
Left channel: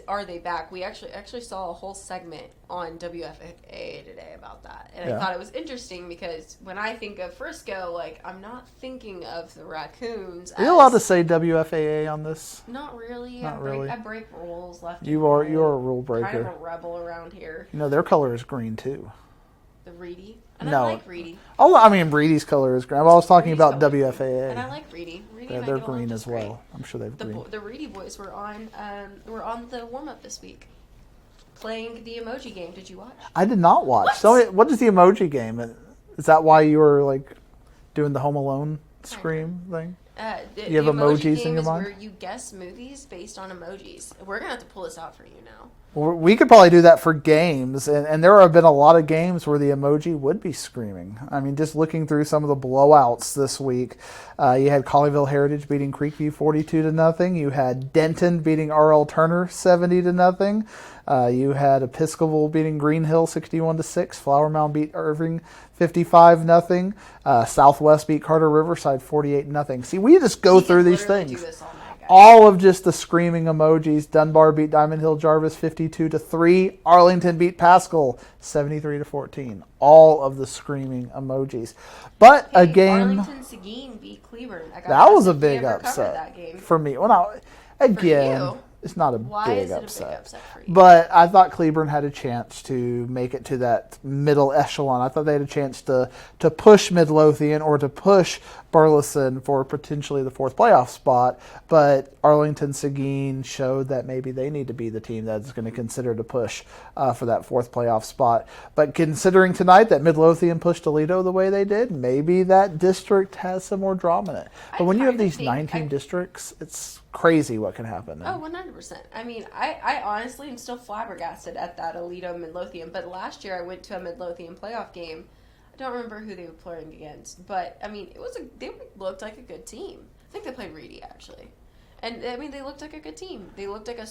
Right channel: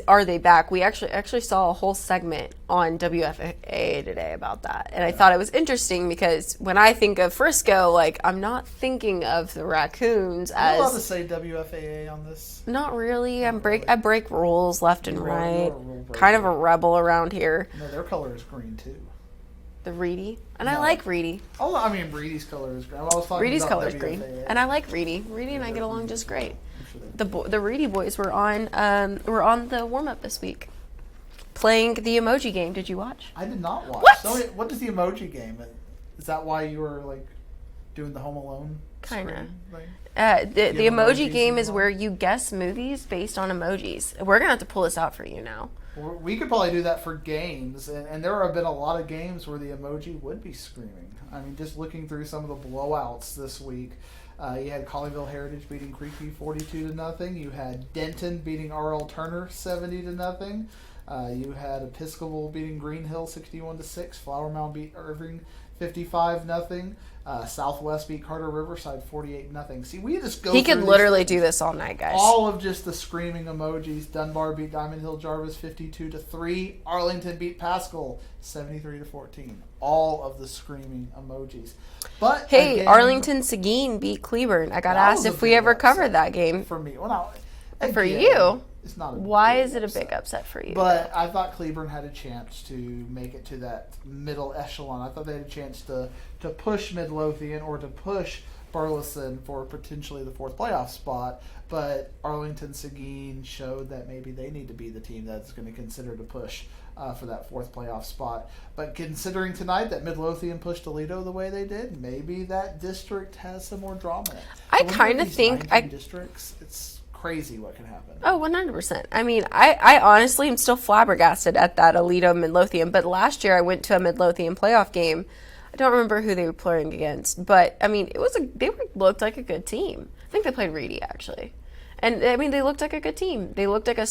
are they back? We actually saw a whole segment on WFAA today about that, and I thought it was interesting because when I think of Frisco, I'm not thinking of the Raccoons. Are you allowed to say WFAA on this? Not really. Not really. I break rules left and right. You're a rule breaker. Kind of a rebel around here. No, their color is green too. The Reedy, and No. I like Reedy. Oh, I mean, Reedy's color is green. I was talking Reedy's about color's green. WFAA. And I like Reedy. Reedy and I they're get along green just as well. great. I'm sure they've The Reedy boys were on the warm up this week, playing the emoji game. Did you watch? I did not watch. What? So what is the emoji game? Is that why you were doing the Home Alone Kinda. scream thing? The You have emojis emoji in game your is mind? where you guess movies based on emojis. We're gonna have to pull this out for you now. Well, we could probably do that for games, and there have been a lot of games where the emoji would be screaming. I mean, just looking through some of the blowouts this week, you had Colleyville Heritage beating Creekview 42-0. You had Denton beating R.L. Turner 70-0. You had Episcopal beating Green Hill 61-6. Flower Mound beat Irving 55-0. Southwest beat Carter Riverside 48-0. See, we just go He through could these literally things. do this all night, guys. All of just the screaming emojis. Dunbar beat Diamond Hill Jarvis 52-3. Arlington beat Pascal 73-14. All of the screaming emojis. But Hey, a game, Arlington Seguin beat Cleburne. I got that asked was a if we big ever upset covered that game. for me. Well, now, again, For you? it's not a Why big is it upset. a big upset for you? But I thought Cleburne had a chance to make it to that middle echelon. I thought they had a chance to push Midlothian or to push Burleson for potentially the fourth playoff spot. But Arlington Seguin showed that maybe they need to be the team that's going to consider to push for that fourth playoff spot. But considering tonight that Midlothian pushed Toledo the way they did, maybe that district has some more drama in it. I But when you have kinda these think 19 districts, it's crazy what can happen. Oh, 100%. I mean, I honestly am still flabbergasted at that Aledo Midlothian. But last year I went to a Midlothian playoff game. I don't remember who they were playing against, but I mean, looked like a good team. I think they played Reedy actually, and I mean, they looked like a good team. They looked like a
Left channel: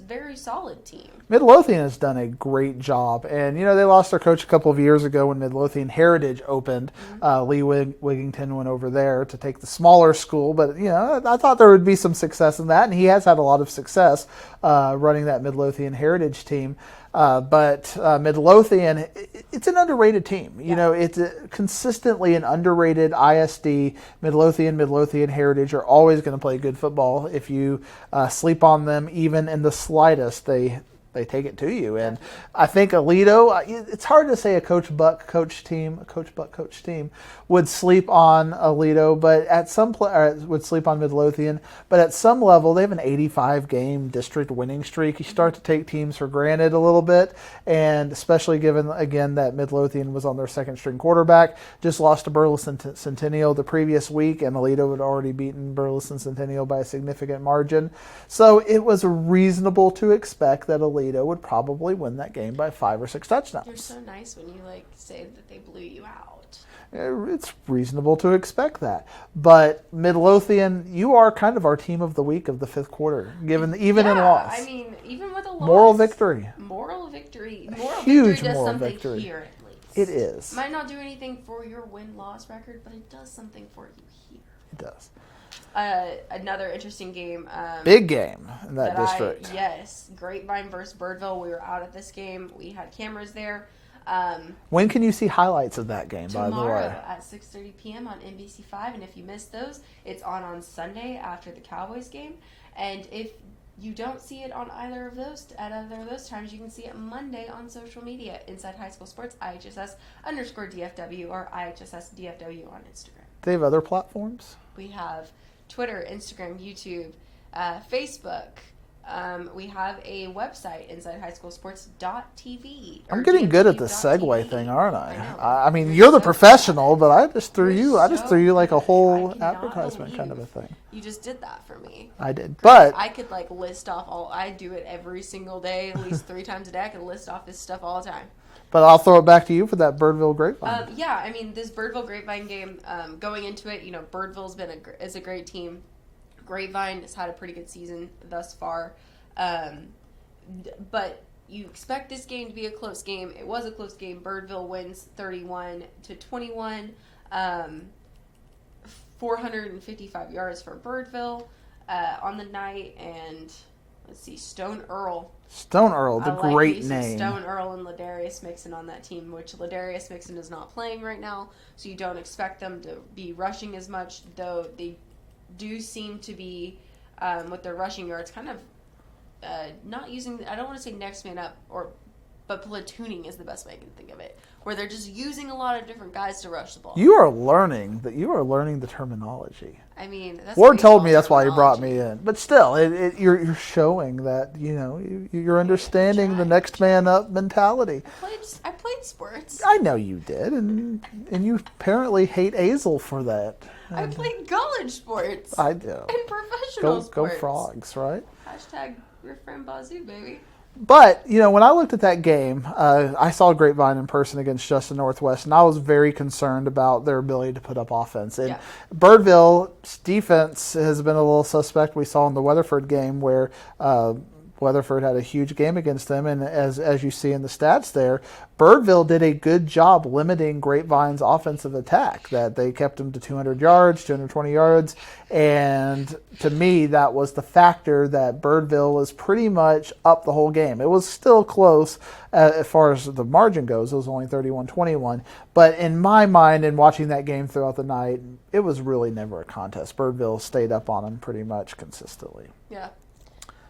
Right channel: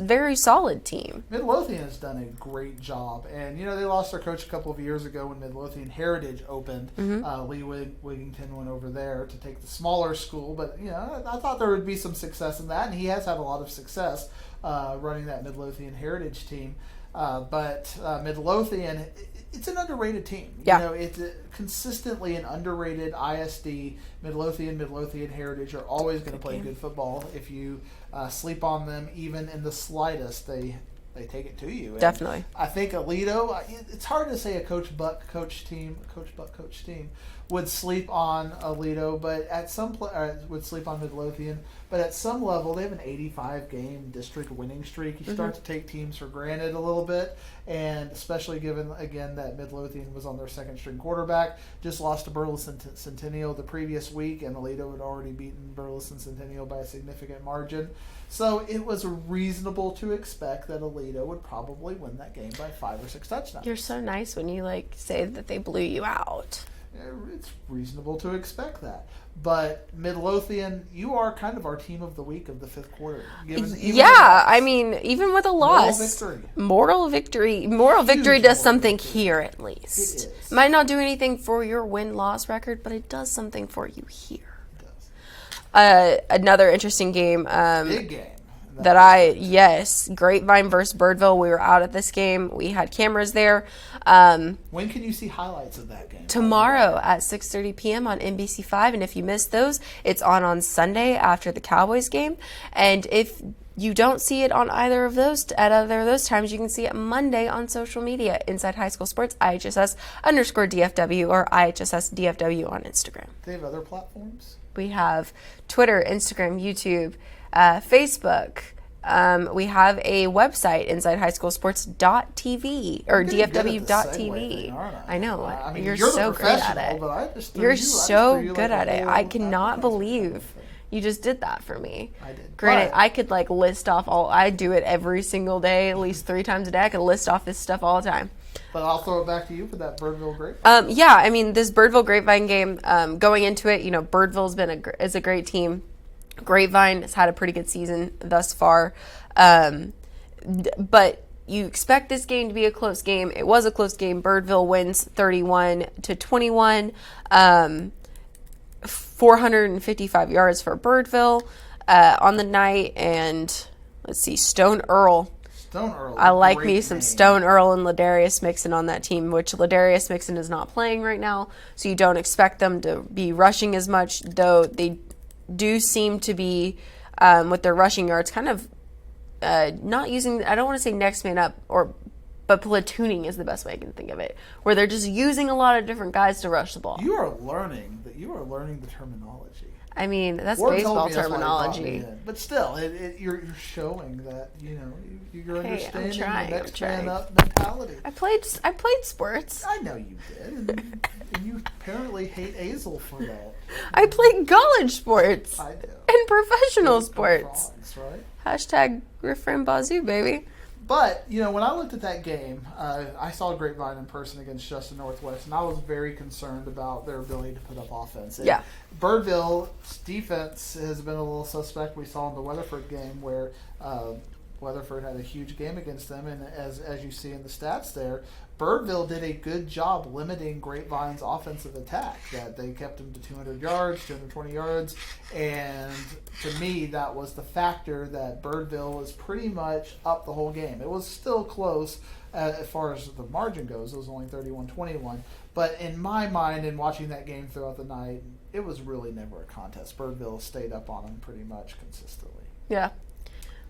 very solid team. Midlothian has done a great job, and they lost their coach a couple of years ago when Midlothian Heritage opened. Lee Wigington went over there to take the smaller school, but I thought there would be some success in that, and he has had a lot of success running that Midlothian Heritage team. But Midlothian, it's an underrated team. Yeah. It's consistently an underrated ISD. Midlothian Heritage are always going to play good football. If you sleep on them, even in the slightest, they take it to you. And Definitely. I think Aledo, it's hard to say a Coach Buck coach team would sleep on Aledo, but at some would sleep on Midlothian. But at some level, they have an 85-game district winning streak. You start to take teams for granted a little bit, and especially given, again, that Midlothian was on their second-string quarterback, just lost to Burleson Centennial the previous week, and Aledo had already beaten Burleson Centennial by a significant margin. So it was reasonable to expect that Aledo would probably win that game by 5 or 6 touchdowns. You're so nice when you say that they blew you out. It's reasonable to expect that. But Midlothian, you are kind of our team of the week of the fifth quarter, given even a loss. I mean, even with a loss, Moral victory. Moral victory does moral something victory. here at least. It is. Might not do anything for your win-loss record, but it does something for you here. It does. Another interesting game. Big game. in that district. Yes, Grapevine versus Birdville. We were out at this game. We had cameras there. When can you see highlights of that game? by the Tomorrow way? at 6:30 p.m. on NBC5, and if you missed those, it's on Sunday after the Cowboys game. And if you don't see it on either of those times, you can see it Monday on social media, Inside High School Sports, IHSS_DFW or IHSS_DFW on Instagram. Do they have other platforms? We have Twitter, Instagram, YouTube, Facebook. We have a website, InsideHighSchoolSports.tv or I'm getting DFW.TV. good at the segue thing, aren't I? I know. I mean, You're you're the so good at professional, it. but I just threw You're I just threw you like so a good at it. whole. I cannot advertisement believe kind of a thing. you just did that for me. I did, Granted, but I could list off I do it every single day, at least 3 times a day. I could list off this stuff all the time. I'll throw it back to you for that Birdville Grapevine. Yeah, I mean, this Birdville Grapevine game, going into it, Birdville's is a great team. Grapevine has had a pretty good season thus far. But you expect this game to be a close game. It was a close game. Birdville wins 31-21. 455 yards for Birdville on the night. And let's see, Stone Earl. I like me some Stone Earl and Ladarius Mixon on that team, which Ladarius Mixon is not playing right now. So you don't expect them to be rushing as much, though they do seem to be, with their rushing yards, kind of not using, I don't want to say next man up, but platooning is the best way I can think of it, where they're just using a lot of different guys to rush the ball. You are learning the terminology. I mean, that's Ward told me that's why he brought terminology. me in. But still, you're showing that you're understanding the next man up mentality. I played sports. I know you did, and you apparently hate Azel for that. I played college sports. I do. And professional sports. Go Frogs, right? Hashtag Refrain Bazoo, baby. But, when I looked at that game, I saw Grapevine in person against Justin Northwest, and I was very concerned about their ability to put up offense. And Yeah. Birdville's defense has been a little suspect. We saw in the Weatherford game where Weatherford had a huge game against them, and as you see in the stats there, Birdville did a good job limiting Grapevine's offensive attack. That they kept them to 200 yards, 220 yards, and to me that was the factor that Birdville was pretty much up the whole game. It was still close as far as the margin goes. It was only 31-21, but in my mind, in watching that game throughout the night, it was really never a contest. Birdville stayed up on them pretty much consistently. Yeah.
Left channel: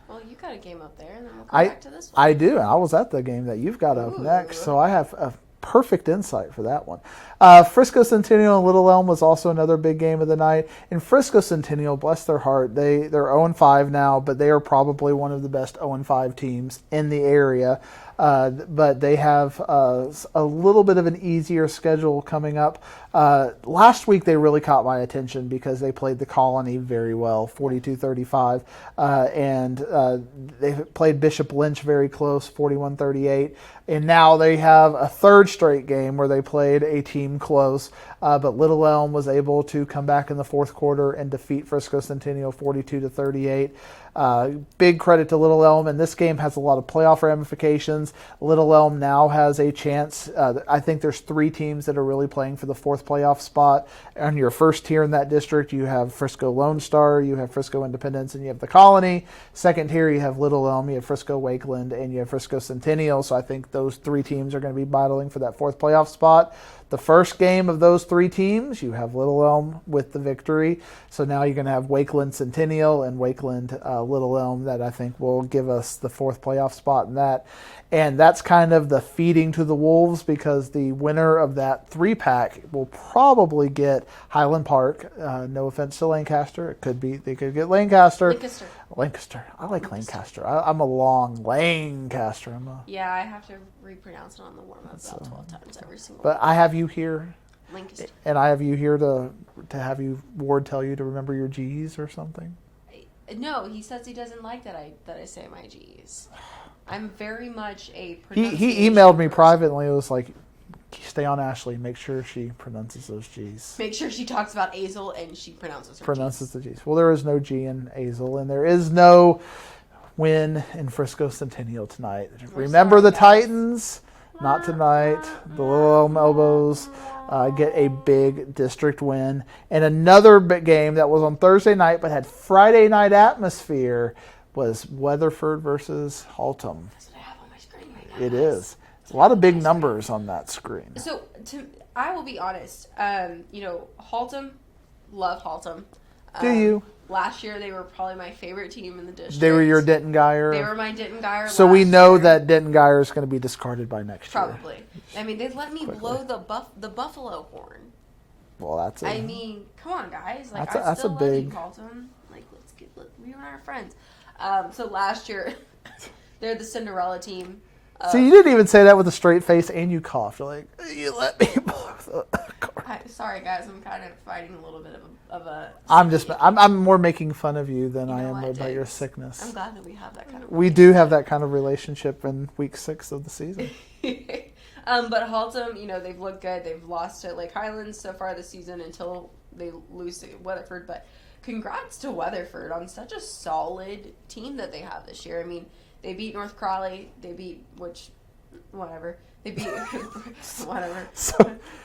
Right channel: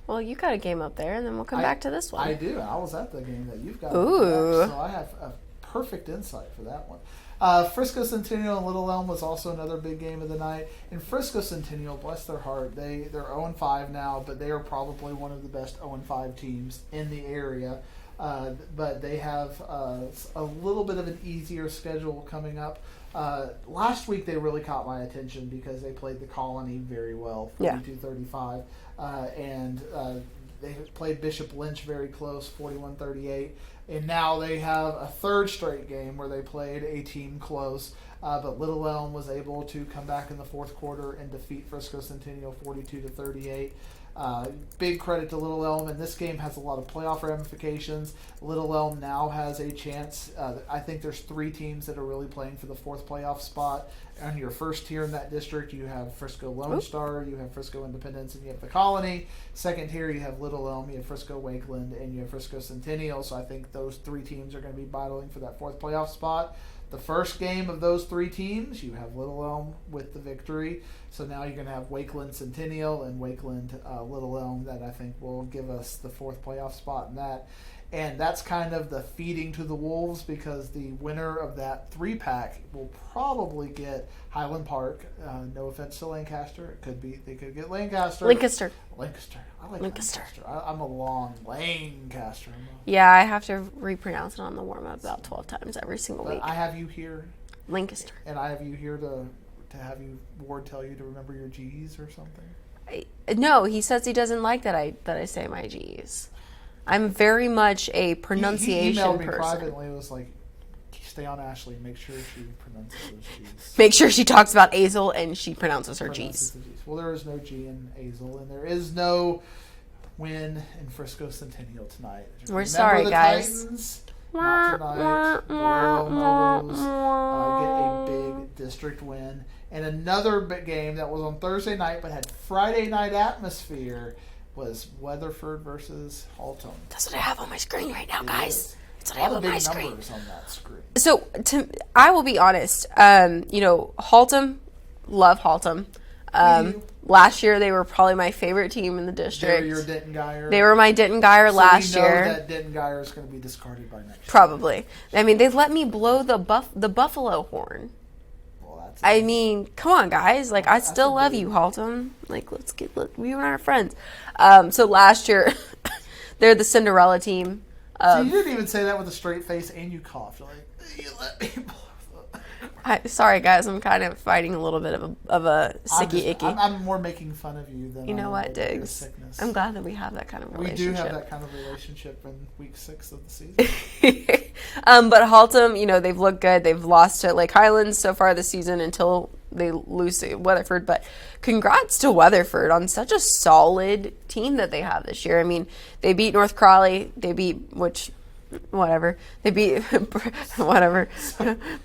Well, you got a game up there, and then we'll come back to this one. I do. I was at the game that you've got up next, so I have a perfect insight for that one. Frisco Centennial and Little Elm was also another big game of the night. And Frisco Centennial, bless their heart, they're 0-5 now, but they are probably one of the best 0-5 teams in the area. But they have a little bit of an easier schedule coming up. Last week they really caught my attention because they played the Colony very well, 42-35, and they played Bishop Lynch very close, 41-38. And now they have a third straight game where they played a team close, but Little Elm was able to come back in the fourth quarter and defeat Frisco Centennial 42-38. Big credit to Little Elm, and this game has a lot of playoff ramifications. Little Elm now has a chance. I think there's 3 teams that are really playing for the 4th playoff spot. On your first tier in that district, you have Frisco Lone Star, you have Frisco Independence, and you have the Colony. Second tier, you have Little Elm, you have Frisco Wakeland, and you have Frisco Centennial. So I think those 3 teams are going to be battling for that 4th playoff spot. The first game of those 3 teams, you have Little Elm with the victory. So now you're going to have Wakeland Centennial and Wakeland Little Elm that I think will give us the 4th playoff spot in that. And that's kind of the feeding to the wolves because the winner of that 3-pack will probably get Highland Park. No offense to Lancaster. It could be they could get Lancaster. Lancaster. I like Lancaster. I'm a long Lancaster. Yeah, I have to repronounce it on the warm-up about 12 times every single week. But I have you here. Lancaster. And I have you here to have you Ward tell you to remember your G's or something. No, he says he doesn't like that I say my G's. I'm very much a pronunciation He emailed me person. privately. It was like, stay on Ashley. Make sure she pronounces those G's. Make sure she talks about Azel and she pronounces her Pronounces G's. the G's. Well, there is no G in Azel, and there is no win in Frisco Centennial tonight. We're Remember sorry, the guys. Titans? Not tonight. The Little Elm Elbows get a big district win. And another big game that was on Thursday night but had Friday night atmosphere was Weatherford versus Haltom. That's what I have on my screen right now, It guys. is. That's A what I lot have of on big my screen. numbers on that screen. So I will be honest. Haltom, love Haltom. Do you? Last year they were probably my favorite team in the district. They were your Denton Geyer. They were my Denton Geyer So last we know year. that Denton Geyer is going to be discarded by next year. Probably. I mean, they let me blow the buffalo horn. Well, that's. I mean, come on, guys. Like, That's I a still love big- you, Haltom. Like, we were our friends. So last year, they're the Cinderella team. See, you didn't even say that with a straight face, and you coughed. You're like, you let me blow the. Sorry, guys. I'm kind of fighting a little bit of a I'm sicky just. icky. I'm more making fun of you than You I know am what, about your Diggs? sickness. I'm glad that we have that kind of We do have that kind of relationship in week 6 of the season. But Haltom, they've looked good. They've lost to Lake Highlands so far this season until they lose to Weatherford. But congrats to Weatherford on such a solid team that they have this year. I mean, they beat North Crawley. They beat, whatever. They beat, whatever.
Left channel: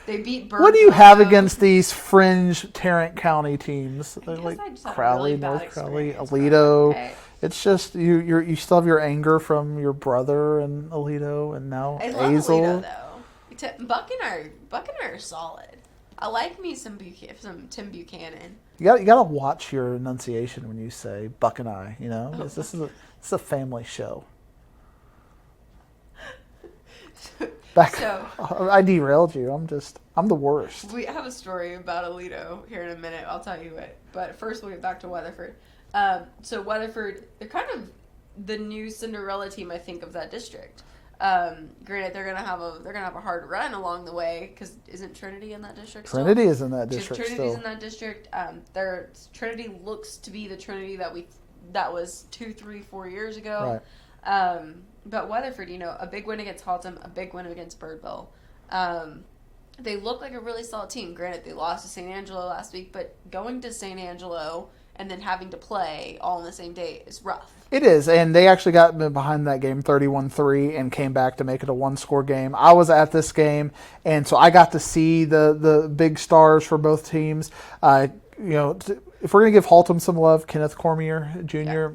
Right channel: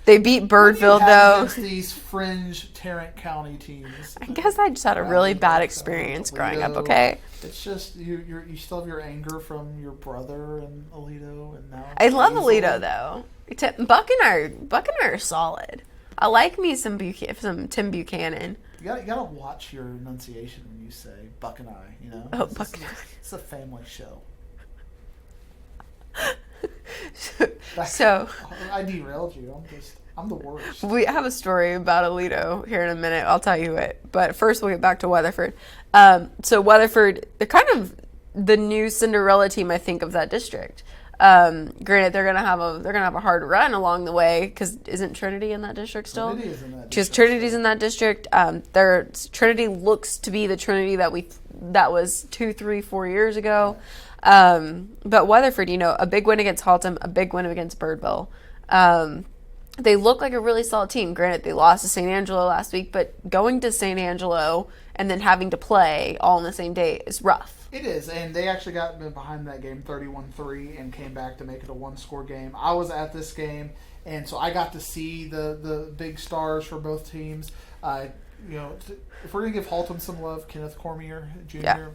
They beat Birdville. What do you have though. against these fringe Tarrant County teams? I guess I just had a really bad experience growing Alito. up, okay? It's just you still have your anger from your brother and Alito, and now I love Hazel. Alito, though. Buck and I are solid. I like me some Tim Buchanan. You got to watch your enunciation when you say Buck and I. Oh, It's a family show. So I derailed you. I'm the worst. we have a story about Alito here in a minute. I'll tell you it. But first, we'll get back to Weatherford. So Weatherford, they're kind of the new Cinderella team, I think, of that district. Granted, they're gonna have a hard run along the way because isn't Trinity in that district still? Trinity is in that district. Because Trinity's still. in that district. Trinity looks to be the Trinity that was 2, 3, 4 years ago. Right. But Weatherford, a big win against Haltom, a big win against Birdville. they look like a really solid team. Granted, they lost to St. Angelo last week, but going to St. Angelo and then having to play all on the same day is rough. It is, and they actually got behind that game 31-3 and came back to make it a one-score game. I was at this game, and so I got to see the big stars for both teams. If we're going to give Haltom some love, Kenneth Cormier Jr.,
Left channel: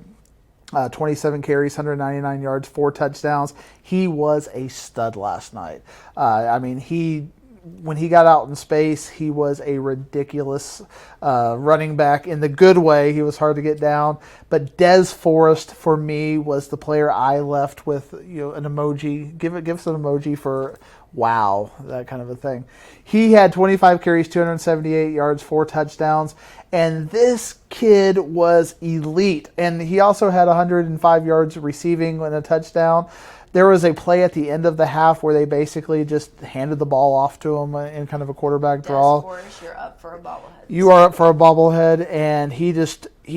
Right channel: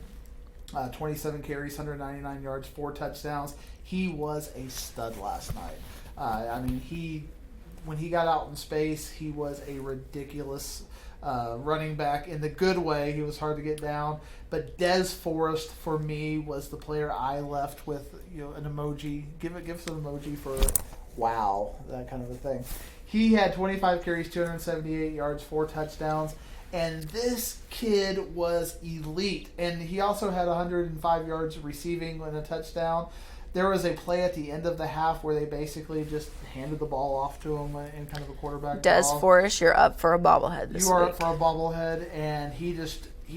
27 carries, 199 yards, 4 touchdowns. He was a stud last night. When he got out in space, he was a ridiculous running back in the good way. He was hard to get down. But Des Forrest, for me, was the player I left with an emoji. Give us an emoji for wow, that kind of a thing. He had 25 carries, 278 yards, 4 touchdowns. And this kid was elite. And he also had 105 yards receiving and a touchdown. There was a play at the end of the half where they basically just handed the ball off to him in kind of a quarterback draw. Des Forrest, you're up for a bobblehead. You are up for a bobblehead, and he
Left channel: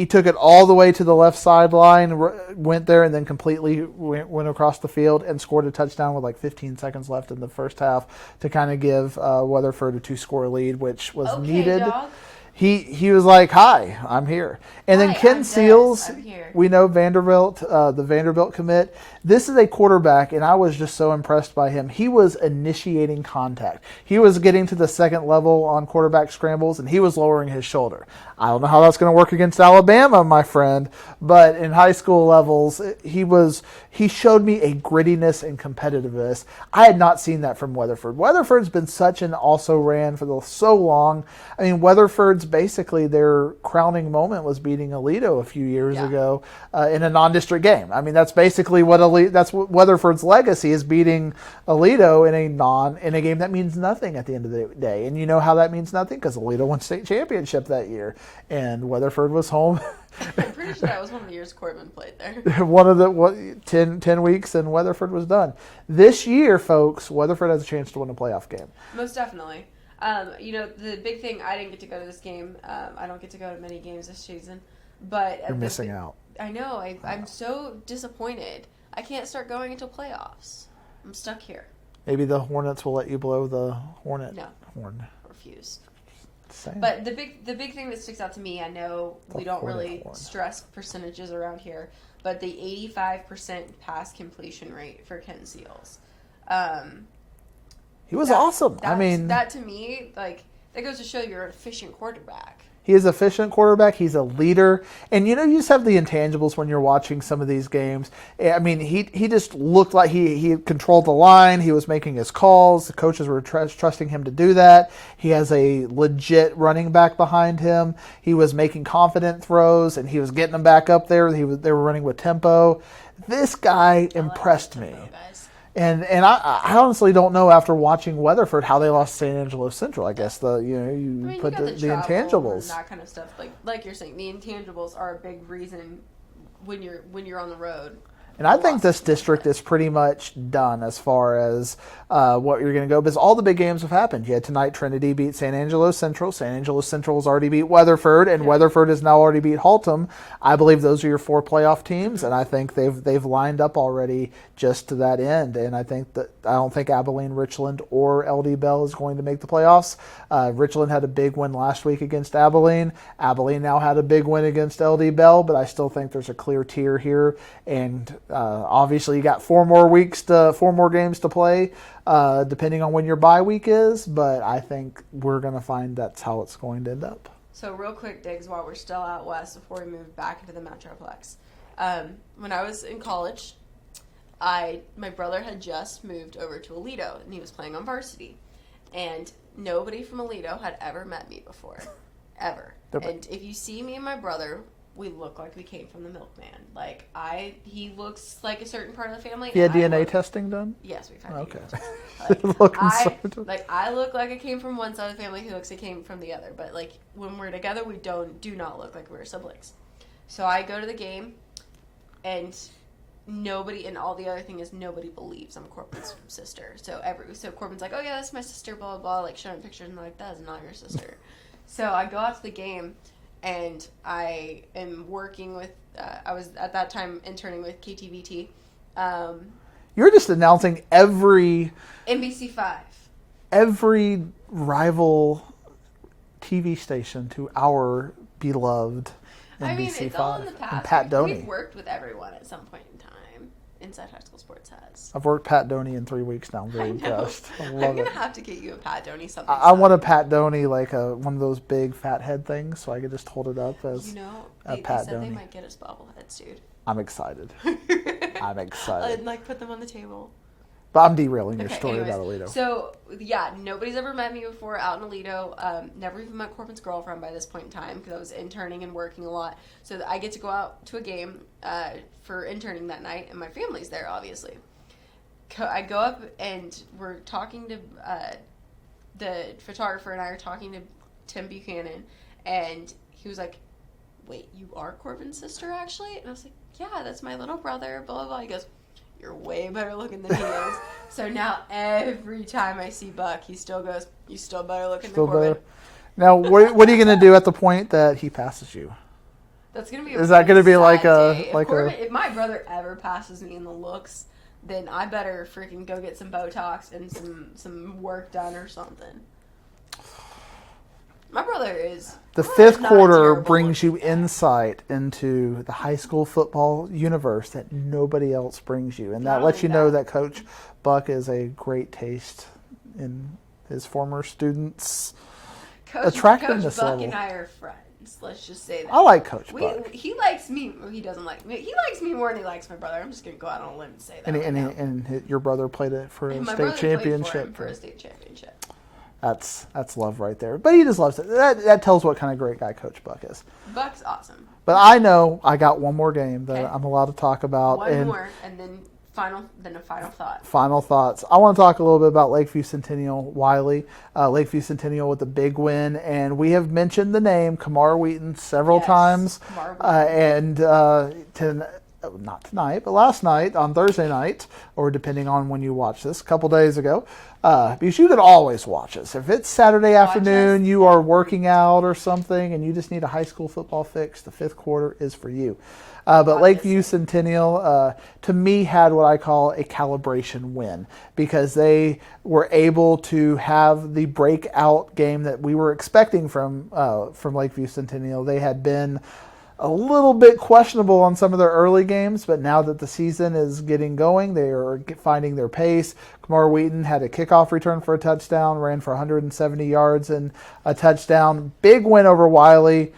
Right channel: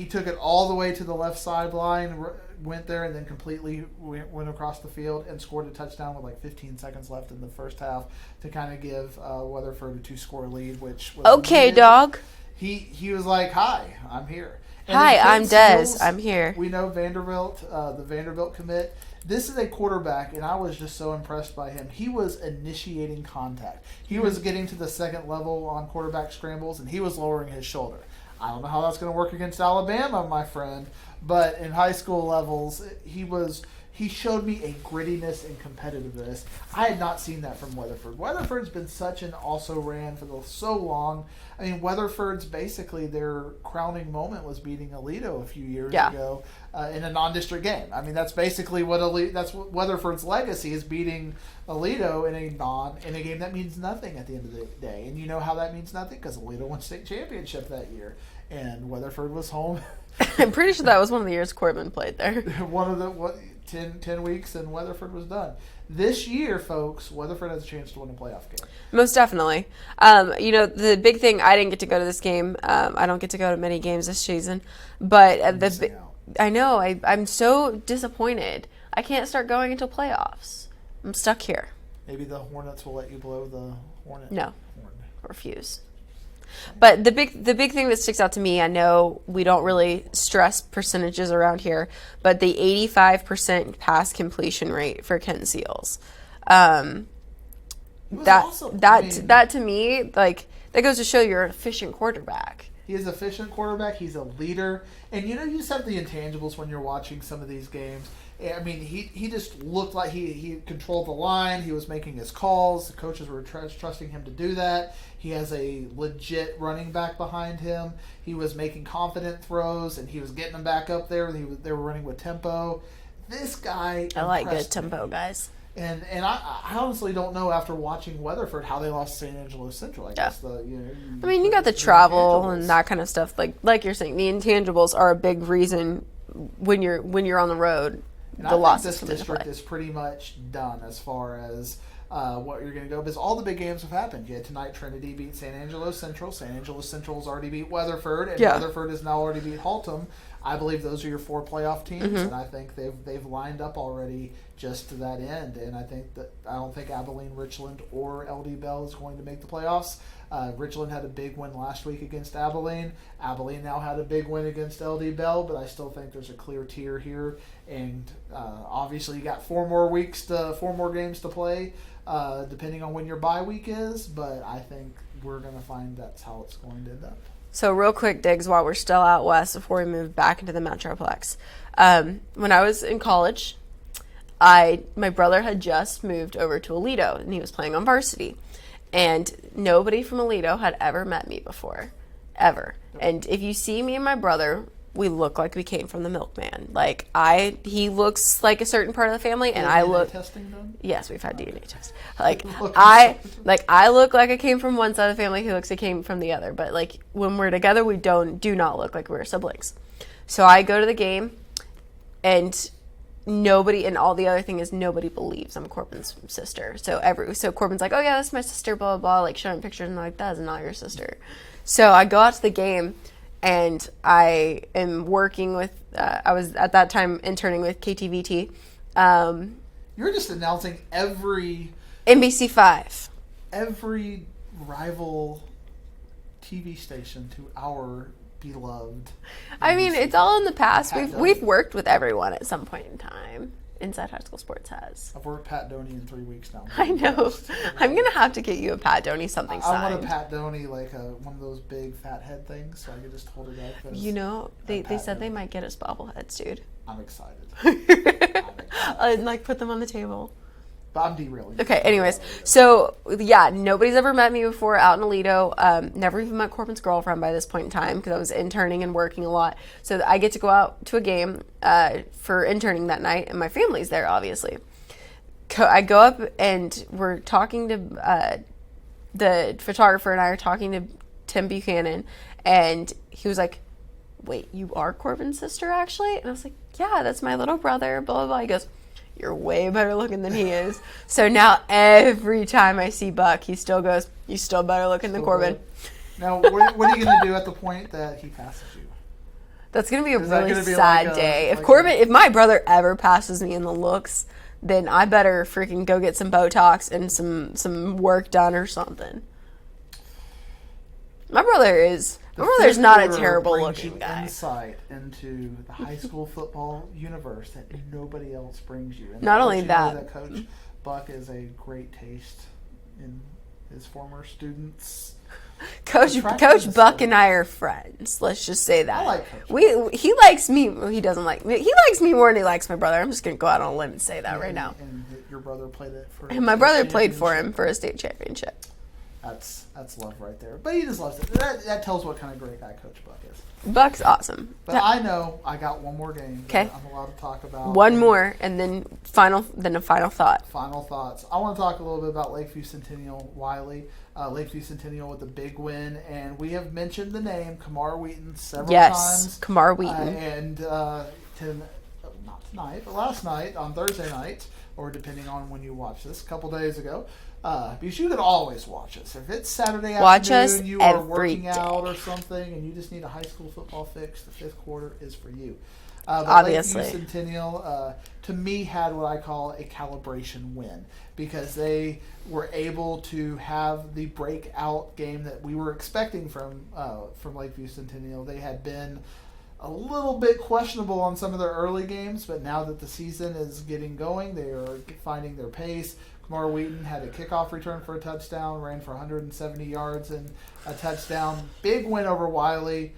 took it all the way to the left sideline, went there, and then completely went across the field and scored a touchdown with like 15 seconds left in the first half to kind of give Weatherford a 2-score lead, which was okay, needed. dog. He was like, "Hi, I'm here." And Hi, then Ken I'm Des. Seals, I'm here. We know Vanderbilt, the Vanderbilt commit. This is a quarterback, and I was just so impressed by him. He was initiating contact. He was getting to the second level on quarterback scrambles, and he was lowering his shoulder. I don't know how that's going to work against Alabama, my friend, but in high school levels, he showed me a grittiness and competitiveness. I had not seen that from Weatherford. Weatherford's been such an also-ran for so long. I mean, Weatherford's basically their crowning moment was beating Aledo a few years ago in a non-district game. I mean, that's basically what Weatherford's legacy is, beating Aledo in a game that means nothing at the end of the day. And you know how that means nothing? Because Aledo won state championship that year, and Weatherford was home. I'm pretty sure that was one of the years Corbin played there. One of the 10 weeks, and Weatherford was done. This year, folks, Weatherford has a chance to win a playoff game. Most definitely. The big thing, I didn't get to go to this game. I don't get to go to many games this season, but Missing out. I know. I'm so disappointed. I can't start going until playoffs. I'm stuck here. Maybe the Hornets will let you blow the horn. No. Horn. Refuse. Same. But the big thing that sticks out to me, I know we don't really stress percentages around here, but the 85% pass completion rate for Ken Seals. He was awesome. That to me, like, that goes to show you're an efficient quarterback. He is an efficient quarterback. He's a leader. And, you just have the intangibles when you're watching some of these games. I mean, he just looked like he controlled the line. He was making his calls. The coaches were trusting him to do that. He has a legit running back behind him. He was making confident throws, and he was getting them back up there. They were running with tempo. This guy impressed me. I like tempo, guys. And I honestly don't know, after watching Weatherford, how they lost St. Angelo Central. I guess you got the travel and that kind of stuff. Like you're saying, the intangibles are a big reason when you're on the road. And I think this district is pretty much done as far as what you're going to go, because all the big games have happened. You had tonight, Trinity beat San Angelo Central. San Angelo Central has already beat Weatherford, and Weatherford has now already beat Haltom. I believe those are your 4 playoff teams, and I think they've lined up already just to that end. And I don't think Abilene, Richland, or LD Bell is going to make the playoffs. Richland had a big win last week against Abilene. Abilene now had a big win against LD Bell, but I still think there's a clear tier here. And obviously, you got 4 more games to play, depending on when your bye week is. But I think we're going to find that's how it's going to end up. So real quick, Diggs, while we're still out west, before we move back into the Metroplex. When I was in college, my brother had just moved over to Aledo, and he was playing on varsity. And nobody from Aledo had ever met me before, ever. And if you see me and my brother, we look like we came from the milkman. Like, he looks like a certain part of the family. He had DNA testing done? Yes, we've had DNA tests. I look like I came from one side of the family. He looks like I came from the other. But, like, when we're together, we do not look like we're siblings. So I go to the game, and all the other thing is nobody believes I'm Corbin's sister. So Corbin's like, oh yeah, that's my sister, blah, blah, blah, like showing pictures, and I'm like, that is not your sister. So I go out to the game, and I am working with, I was at that time interning with KTVT. You're just announcing every... NBC5. every rival TV station to our beloved. I mean, it's all in the past. Pat We've Doney. worked with everyone at some point in time. Inside High School Sports has. I've worked Pat Doney in 3 weeks now. I know. I'm going to have to get you a Pat Doney something I want a signed. Pat Doney, like one of those big fat head things, so I could just hold it up as. You know, a they Pat said they Doney. might get us bobbleheads, dude. I'm excited. I'm excited. And like put them on the table. But I'm derailing. your Okay, story anyways. about Alito. So, yeah, nobody's ever met me before out in Alito. Never even met Corbin's girlfriend by this point in time because I was interning and working a lot. So I get to go out to a game for interning that night, and my family's there, obviously. I go up, and we're talking to the photographer, and I are talking to Tim Buchanan, and he was like, wait, you are Corbin's sister, actually? And I was like, yeah, that's my little brother, blah, blah, blah. He goes, you're way better looking than he is. So now every time I see Buck, he still goes, you still better looking than Still Corbin. better. Now, what are you going to do at the point that he passes you? That's going to be a Is that really gonna be sad like a- day. like If my brother ever passes me in the looks, then I better freaking go get some Botox and some work done or something. My brother is... The my brother's fifth not a quarter terrible brings you looking guy. insight into the high school football universe that nobody else brings you. And Not that lets only you know that- that Coach Buck is a great taste in his former students. Coach attractiveness Buck level. and I are friends. Let's just say that. I like Coach Buck. He likes me. Well, he doesn't like me. He likes me more than he likes my brother. I'm just gonna go out on a limb and say that right now. And your brother played it for And my brother played for him for a state championship. That's love right there. But he just loves it. That tells what kind of great guy Coach Buck is. Buck's awesome. But I know I got one more game that Okay. I'm allowed to talk about. One and more, and then a final thought. Final thoughts. I want to talk a little bit about Lakeview Centennial Wiley. Lakeview Centennial with a big win, and we have mentioned the name Kamar Wheaton several Yes, times. Kamar Wheaton. Not tonight, but last night on Thursday night, or depending on when you watch this, a couple days ago. Because you can always watch us. If it's Saturday Watch us afternoon, you are every working day. out or something, and you just need a high school football fix, the fifth quarter is for you. But Obviously. Lakeview Centennial, to me, had what I call a calibration win because they were able to have the breakout game that we were expecting from Lakeview Centennial. They had been a little bit questionable on some of their early games, but now that the season is getting going, they are finding their pace. Kamar Wheaton had a kickoff return for a touchdown, ran for 170 yards and a touchdown. Big win over Wiley.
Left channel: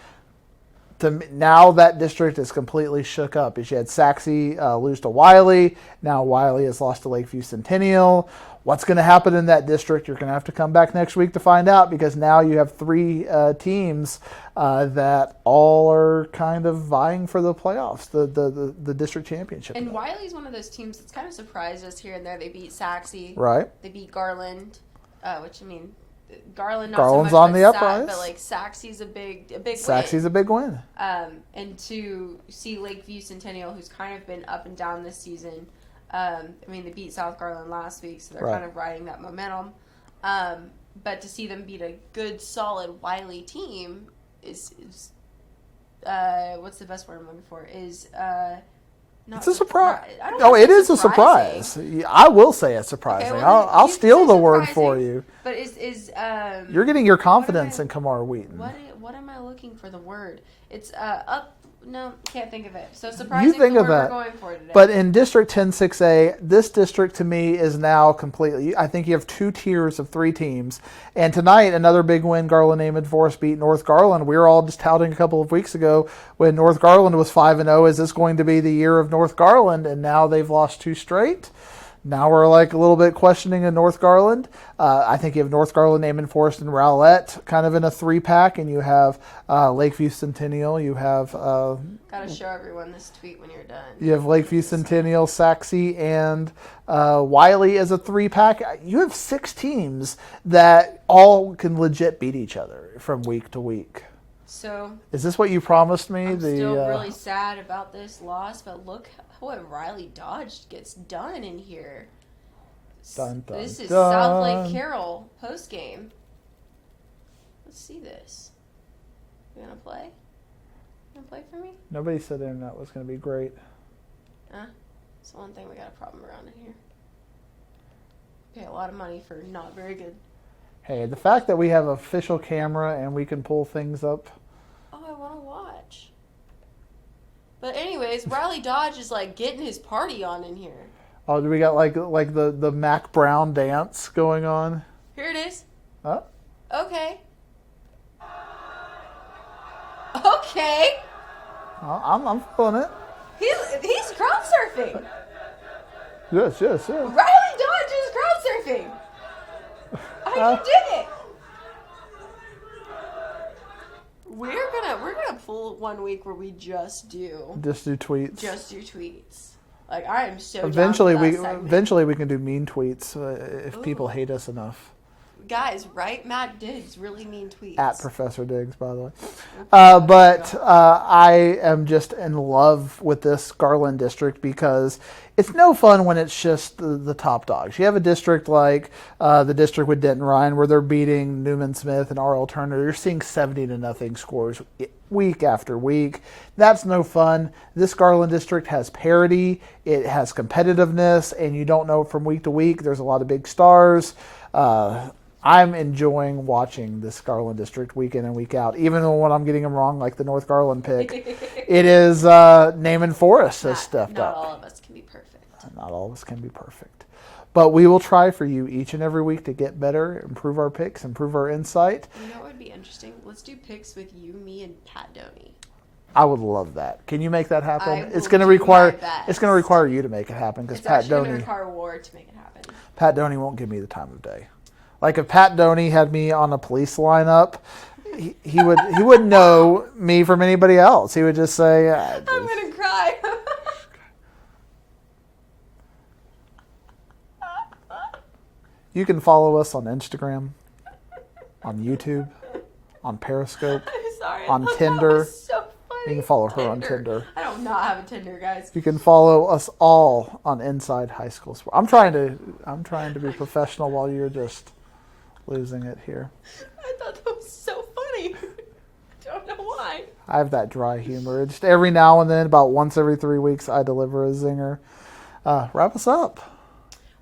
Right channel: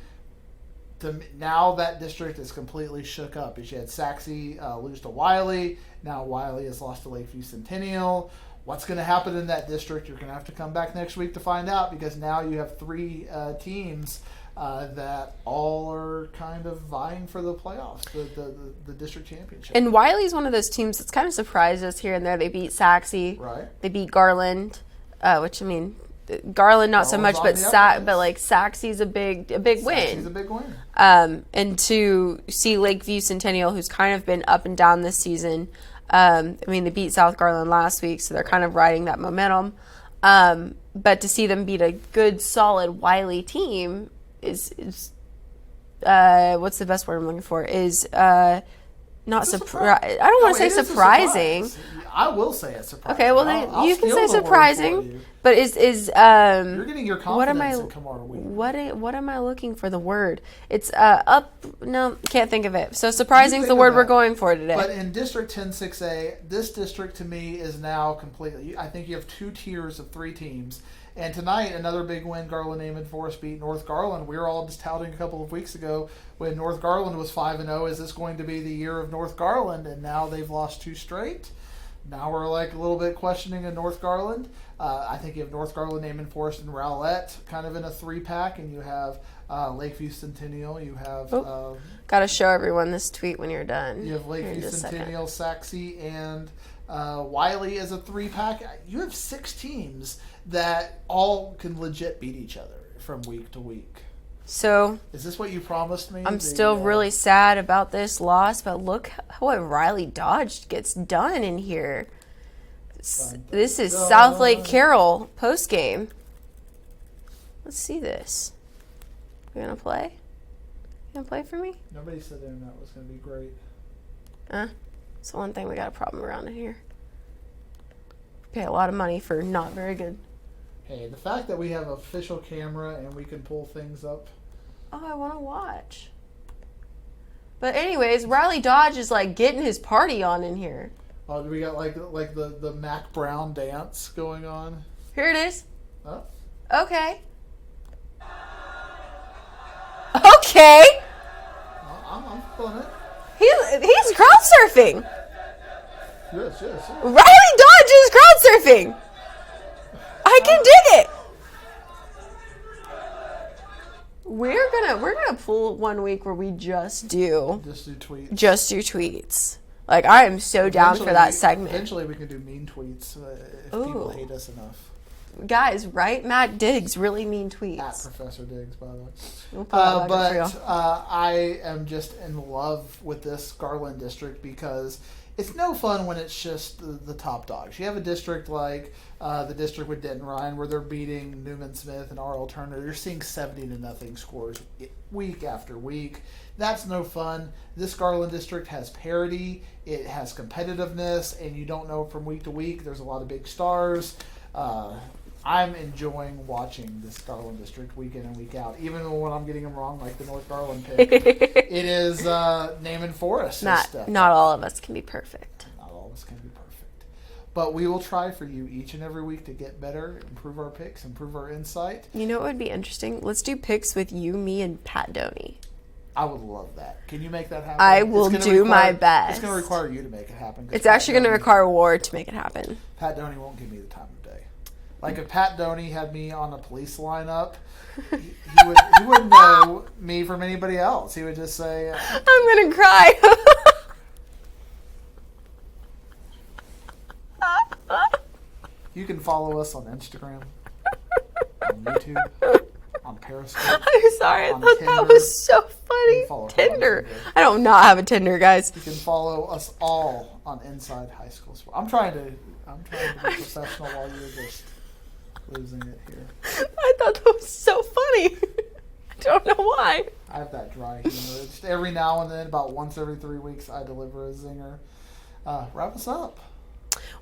Now that district is completely shook up. As you had Saxe lose to Wiley, now Wiley has lost to Lakeview Centennial. What's going to happen in that district? You're going to have to come back next week to find out because now you have three teams that all are kind of vying for the playoffs, the district championship. And Wiley's one of those teams that's kind of surprised us here and there. They beat Saxe. Right. They beat Garland, which I mean, Garland not so Garland's much, on the uprise. but like Saxe's a big Saxe's win. a big win. And to see Lakeview Centennial, who's kind of been up and down this season. I mean, they beat South Garland last week, so they're kind of riding that momentum. But to see them beat a good, solid Wiley team is what's the best word I'm looking for? Is not It's a surprising. surprise. I don't No, want it to say is a surprising. surprise. I will say it's surprising. Okay, well, I'll you can steal say the word surprising, for you. But You're getting your what am confidence I- in Kamar Wheaton. what am I looking for? The word. It's up. No, can't think of it. So surprising is think the of word we're that. going for today. But in District 106A, this district to me is now completely. I think you have two tiers of three teams. And tonight, another big win. Garland Amon Forest beat North Garland. We were all just touting a couple of weeks ago when North Garland was 5-0. Is this going to be the year of North Garland? And now they've lost two straight. Now we're like a little bit questioning in North Garland. I think you have North Garland, Amon Forest, and Rowlett kind of in a three-pack, and you have Lakeview Centennial. You have Got to show everyone this tweet when you're done. you have Lakeview Just a second. Centennial, Saxe, and Wiley as a three-pack. You have six teams that all can legit beat each other from week to week. So Is this what you promised me? I'm still really sad about this loss, but look what Riley Dodge gets done in here. Dun, dun, This is dun. South Lake Carroll post game. Let's see this. You gonna play? You gonna play for me? Nobody said the internet was going to be great. It's the one thing we got a problem around in here. Pay a lot of money for not very good Hey, the fact that we have an official camera and we can pull things up. Oh, I want to watch. But anyways, Riley Dodge is like getting his party on in here. Oh, do we got like the Mac Brown dance going on? Here it is. Oh. Okay. Okay. I'm feeling it. He's crowd surfing. Yes. Riley Dodge is crowd surfing. I can dig it. We're gonna pull one week where we just do tweets. Just do tweets. Like I am so down for that segment. Eventually, we can do mean tweets if people hate us enough. Guys, right? Matt Diggs really mean tweets. At Professor Diggs, by the way. Okay, I am just in love with this Garland district because it's no fun when it's just the top dogs. You have a district like the district with Denton Ryan where they're beating Newman Smith and R.L. Turner. You're seeing 70-0 scores week after week. That's no fun. This Garland district has parity. It has competitiveness, and you don't know from week to week. There's a lot of big stars. I'm enjoying watching this Garland district week in and week out, even when I'm getting them wrong, like the North Garland pick. It is Naaman Forest has stepped Not up. all of us can be perfect. Not all of us can be perfect. But we will try for you each and every week to get better, improve our picks, improve our insight. You know what would be interesting? Let's do picks with you, me, and Pat Doney. I would love that. Can you make that happen? I will gonna do my best. It's going to require you to make it happen. It's actually going to require Ward to make it happen. Pat Doney won't give me the time of day. Like if Pat Doney had me on a police lineup, he wouldn't know me from anybody else. He would just say, I'm going to cry. You can follow us on Instagram, on YouTube, on Periscope. I'm sorry. On That Tinder. was so funny. You can follow her on Tinder. I don't not have a Tinder, guys. You can follow us all on Inside High School Sports. I'm trying to be professional while you're just losing it here. I thought that was so funny. I don't know why. I have that dry humor. Just every now and then, about once every 3 weeks, I deliver a zinger. Wrap us up.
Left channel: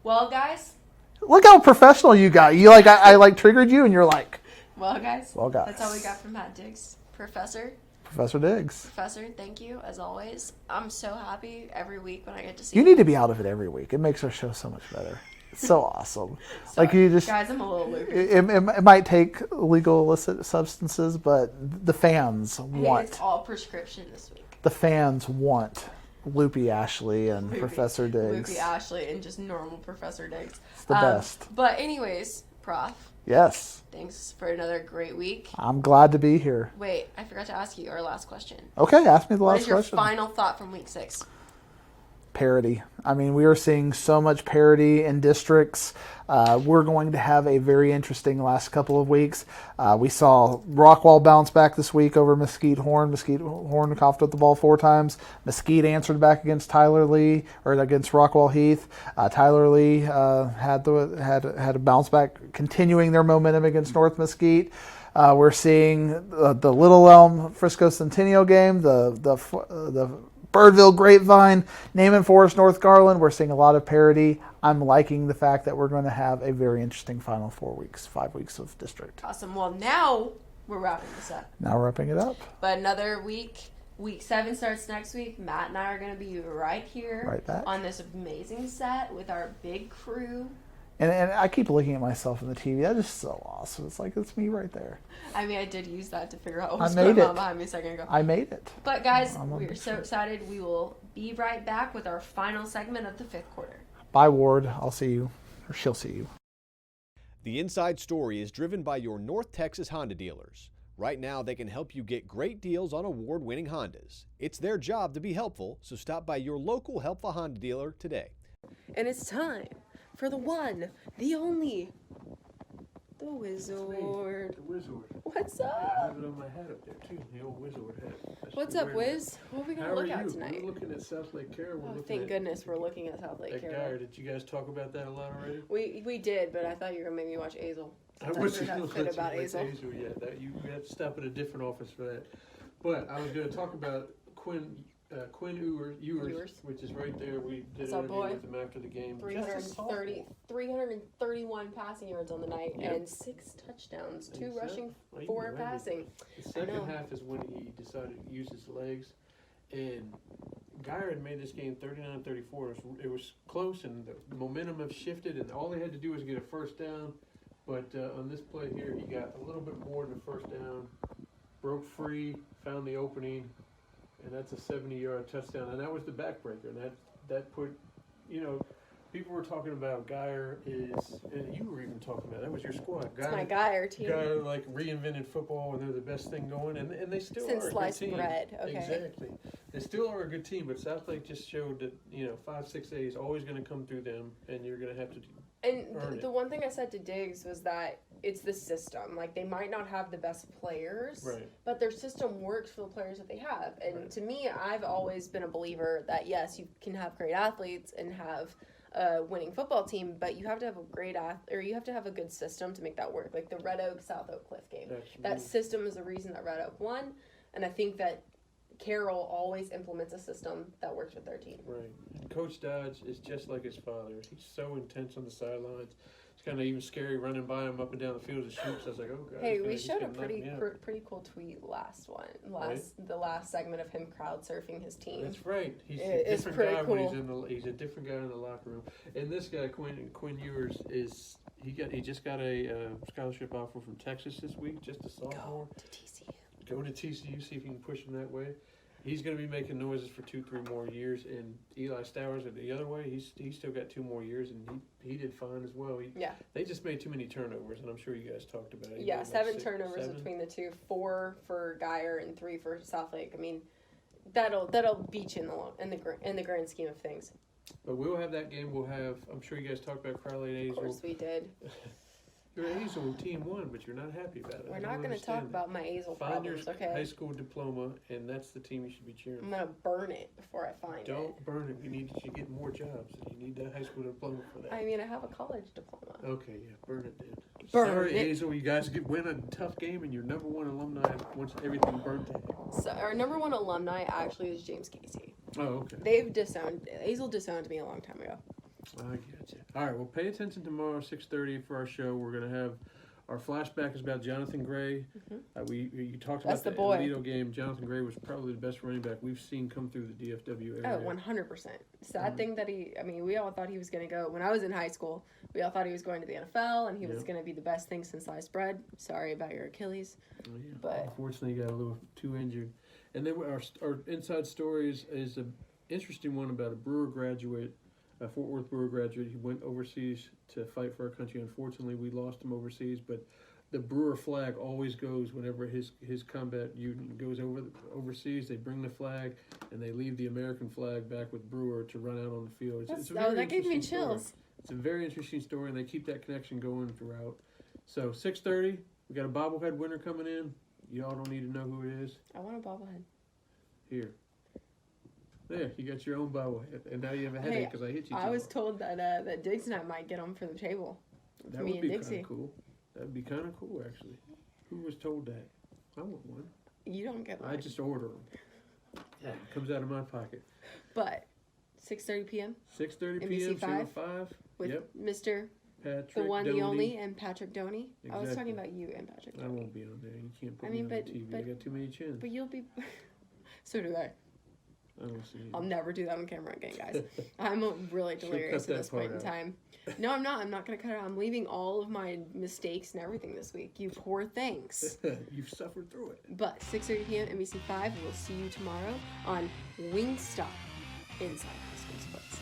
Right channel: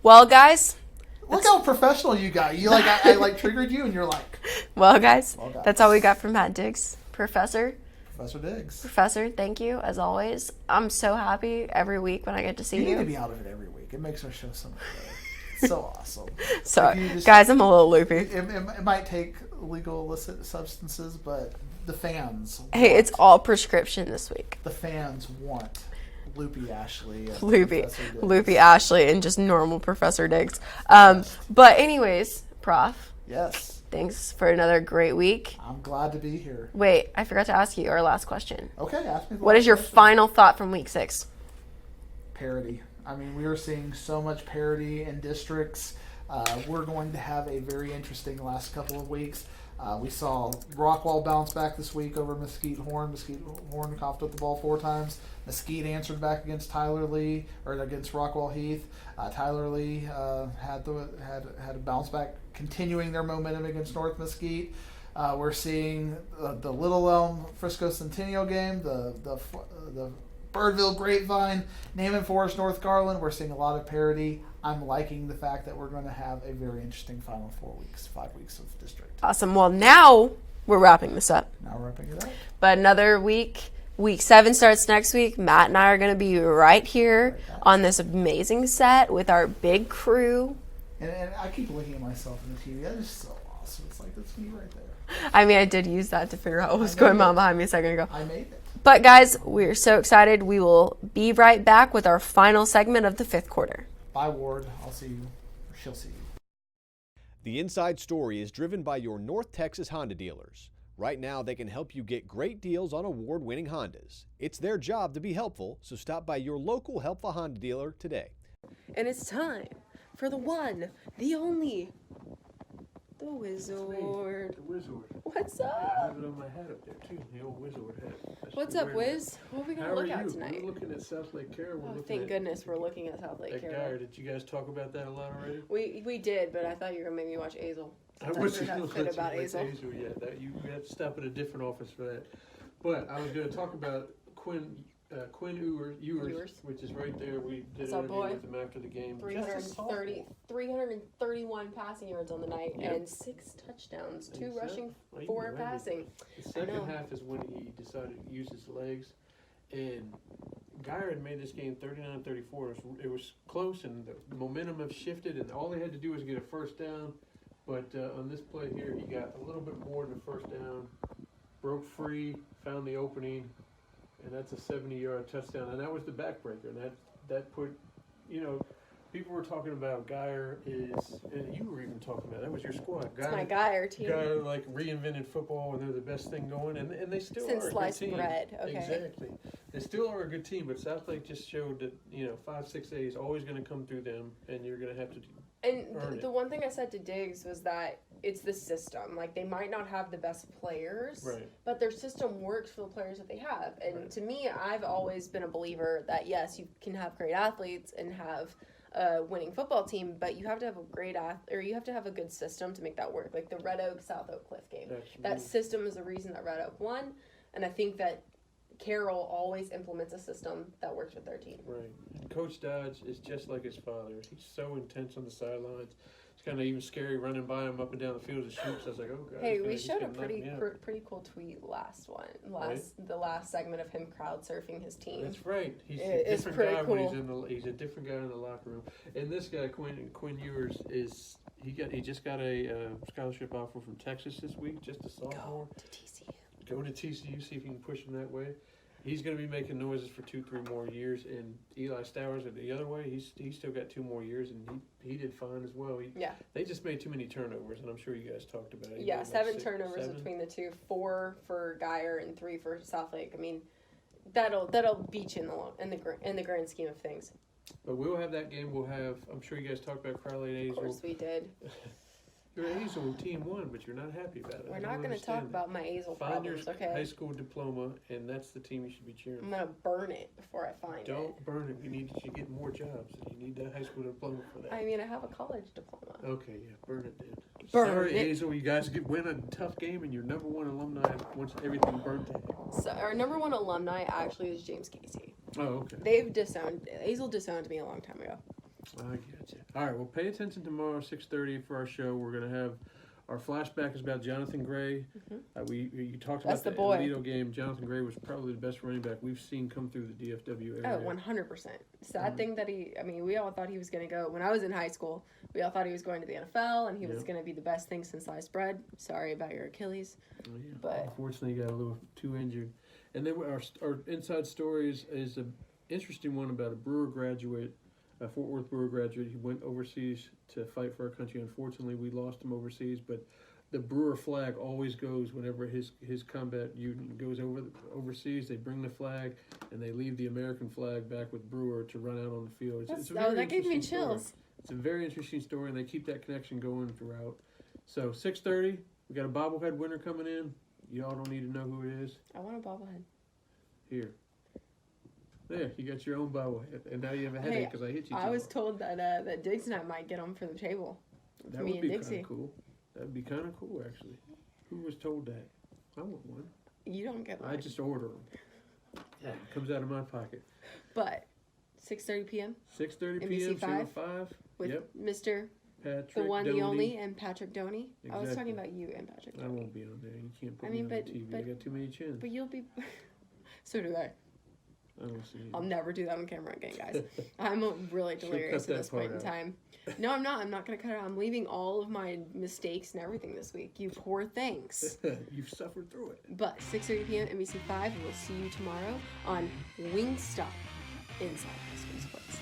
Well, guys. Look how professional you got. You like I triggered you, and you're like. Well, guys. Well, guys. That's all we got from Matt Diggs, Professor, Diggs. Professor, thank you as always. I'm so happy every week when I get to see you. You need to be out of it every week. It makes our show so much better. It's so awesome. Sorry. Guys, I'm a little loopy. It might take legal illicit substances, but the fans want. Hey, it's all prescription this week. The fans want Loopy Ashley and Professor Diggs. Loopy Ashley and just normal Professor Diggs. Best. But anyways, Prof. Yes. Thanks for another great week. I'm glad to be here. Wait, I forgot to ask you our last question. Okay, ask me the last question. What is your final thought from week 6? Parity. I mean, we are seeing so much parity in districts. We're going to have a very interesting last couple of weeks. We saw Rockwall bounce back this week over Mesquite Horn. Mesquite Horn coughed up the ball 4 times. Mesquite answered back against Tyler Lee, or against Rockwall Heath. Tyler Lee had a bounce back, continuing their momentum against North Mesquite. We're seeing the Little Elm Frisco Centennial game, the Birdville Grapevine, Naaman Forest, North Garland. We're seeing a lot of parity. I'm liking the fact that we're going to have a very interesting final 5 weeks of district. Awesome. Well, now we're wrapping this up. Now we're wrapping it up. But another week. Week 7 starts next week. Matt and I are going to be right here on this amazing set with our big crew. And I keep looking at myself in the TV. That is so awesome. It's like, it's me right there. I mean, I did use that to figure out what was going on behind me a second ago. I made it. But guys, we're so excited. We will be right back with our final segment of the 5th quarter. Bye, Ward. I'll see you. Or she'll see you. The Inside Story is driven by your North Texas Honda dealers. Right now, they can help you get great deals on award-winning Hondas. It's their job to be helpful, so stop by your local helpful Honda dealer today. And it's time for the one, the only, the Wizard. The Wizard. What's I up? have it on my hat up there too, the old Wizard hat. What's up, Wiz? What are we How gonna are look you? at tonight? We're looking at South Lake Carroll. Oh, thank goodness we're looking at South Lake That Carroll. guy. Did you guys talk about that a lot already? We did, but I thought you were gonna make me watch Azel. I wasn't going to let you watch Azel yet. You have to stop at a different office for that. But I was going to talk about Quinn. Quinn Ewers, which is right there. We did What's an up, interview boy? with him after the game. 331 passing yards on the night Yep. and 6 touchdowns, 2 Exactly. rushing, Even 4 remember. passing. The second know. half is when he decided to use his legs, and Geyer had made this game 39-34. It was close, and the momentum have shifted, and all they had to do was get a first down. But on this play here, he got a little bit more than a first down, broke free, found the opening, and that's a 70-yard touchdown. And that was the backbreaker, and that put, people were talking about Geyer and you were even talking about, that was your squad. It's my guy, our team. Guy like reinvented football, and they're the best thing going, and they still Since are a sliced good team. bread, okay. Exactly, they still are a good team, but Southlake just showed that 5-6A is always going to come through them, and you're going to have to. And Earn it. the one thing I said to Diggs was that it's the system. Like, they might not have the best players, Right. but their system works for the players that they have. And Right. to me, I've always been a believer that, yes, you can have great athletes and have a winning football team, but you have to have a you have to have a good system to make that work. Like the Red Oak South Oak Cliff game. That system is the reason that Red Oak won, and I think that Carroll always implements a system that works with their team. Right. And Coach Dodge is just like his father. He's so intense on the sidelines. It's kind of even scary running by him up and down the field as shoots. I was like, oh god. Hey, he's we he's showed a gonna knock me out. pretty cool tweet the last segment of him crowd surfing his team. That's right. He's It's a different pretty guy cool. when he's a different guy in the locker room. And this guy Quinn Ewers he just got a scholarship offer from Texas this week, just a sophomore. Go to TCU. Go to TCU, see if you can push him that way. He's going to be making noises for 2-3 more years, and Eli Stowers are the other way. He's still got 2 more years, and he did fine as well. Yeah. They just made too many turnovers, and I'm sure you guys talked about it. Yeah, Like 7 six, turnovers 7? between the two, 4 for Geyer and 3 for Southlake. I mean, that'll beat you in the grand scheme of things. But we'll have that game. I'm sure you guys talked about Crowley and Of course Azel. we did. Your Azel team won, but you're not happy about it. We're I not don't going to talk understand about my Azel that. Find your problems, high okay? school diploma, and that's the team you should be cheering I'm for. going to burn it before I find it. Don't burn it. You get more jobs. You need that high school diploma for that. I mean, I have a college diploma. Okay, yeah, burn it then. Burn Sorry, it. Azel, you guys win a tough game and you're #1 alumni once everything burnt to hell. So our number 1 alumni actually is James Casey. Oh, okay. Azel disowned me a long time ago. I get you. All right, well, pay attention tomorrow, 6:30 for our show. We're going to have our flashback is about Jonathan Gray. You talked That's about the boy. Alito game. Jonathan Gray was probably the best running back we've seen come through the DFW area. Oh, 100%. Sad thing that we all thought he was going to go, when I was in high school, we all thought he was going to the NFL and he was Yeah. going to be the best thing since sliced bread. Sorry about your Achilles. Oh, yeah. But- Unfortunately, he got a little too injured. And then our inside stories is an interesting one about a Brewer graduate, a Fort Worth Brewer graduate. He went overseas to fight for our country. Unfortunately, we lost him overseas, but the Brewer flag always goes whenever his combat unit goes overseas. They bring the flag and they leave the American flag back with Brewer to run out on the field. It's a very that gave me interesting story. chills. It's a very interesting story, and they keep that connection going throughout. So 6:30, we got a bobblehead winner coming in. Y'all don't need to know who it is. I want a bobblehead. Here. There, you got your own bobblehead, and now you have a headache because I hit you. I too was hard. told that Diggs and I might get them for the table. That me would and be kind Dixie. of cool. That would be kind of cool, actually. Who was told that? I want one. You don't get one. I just order them. Yeah, it comes out of my pocket. But 6:30 p.m. 6:30 NBC p.m. Channel 5 5. with Yep. Mr. Patrick the one, the Doney. only, and Patrick Doney. I was Exactly. talking about you and Patrick I Doney. won't be on there. You can't put I me mean, on but- TV. I but- got too many chins. But you'll be. So do I. I don't see you. I'll never do that on camera again, guys. I'm really delirious cut at this that point in part out. time. No, I'm not. I'm not going to cut it out. I'm leaving all of my mistakes and everything this week. You poor things. You've suffered through it. But 6:30 p.m. NBC5. We'll see you tomorrow on Wingstop inside High School Sports.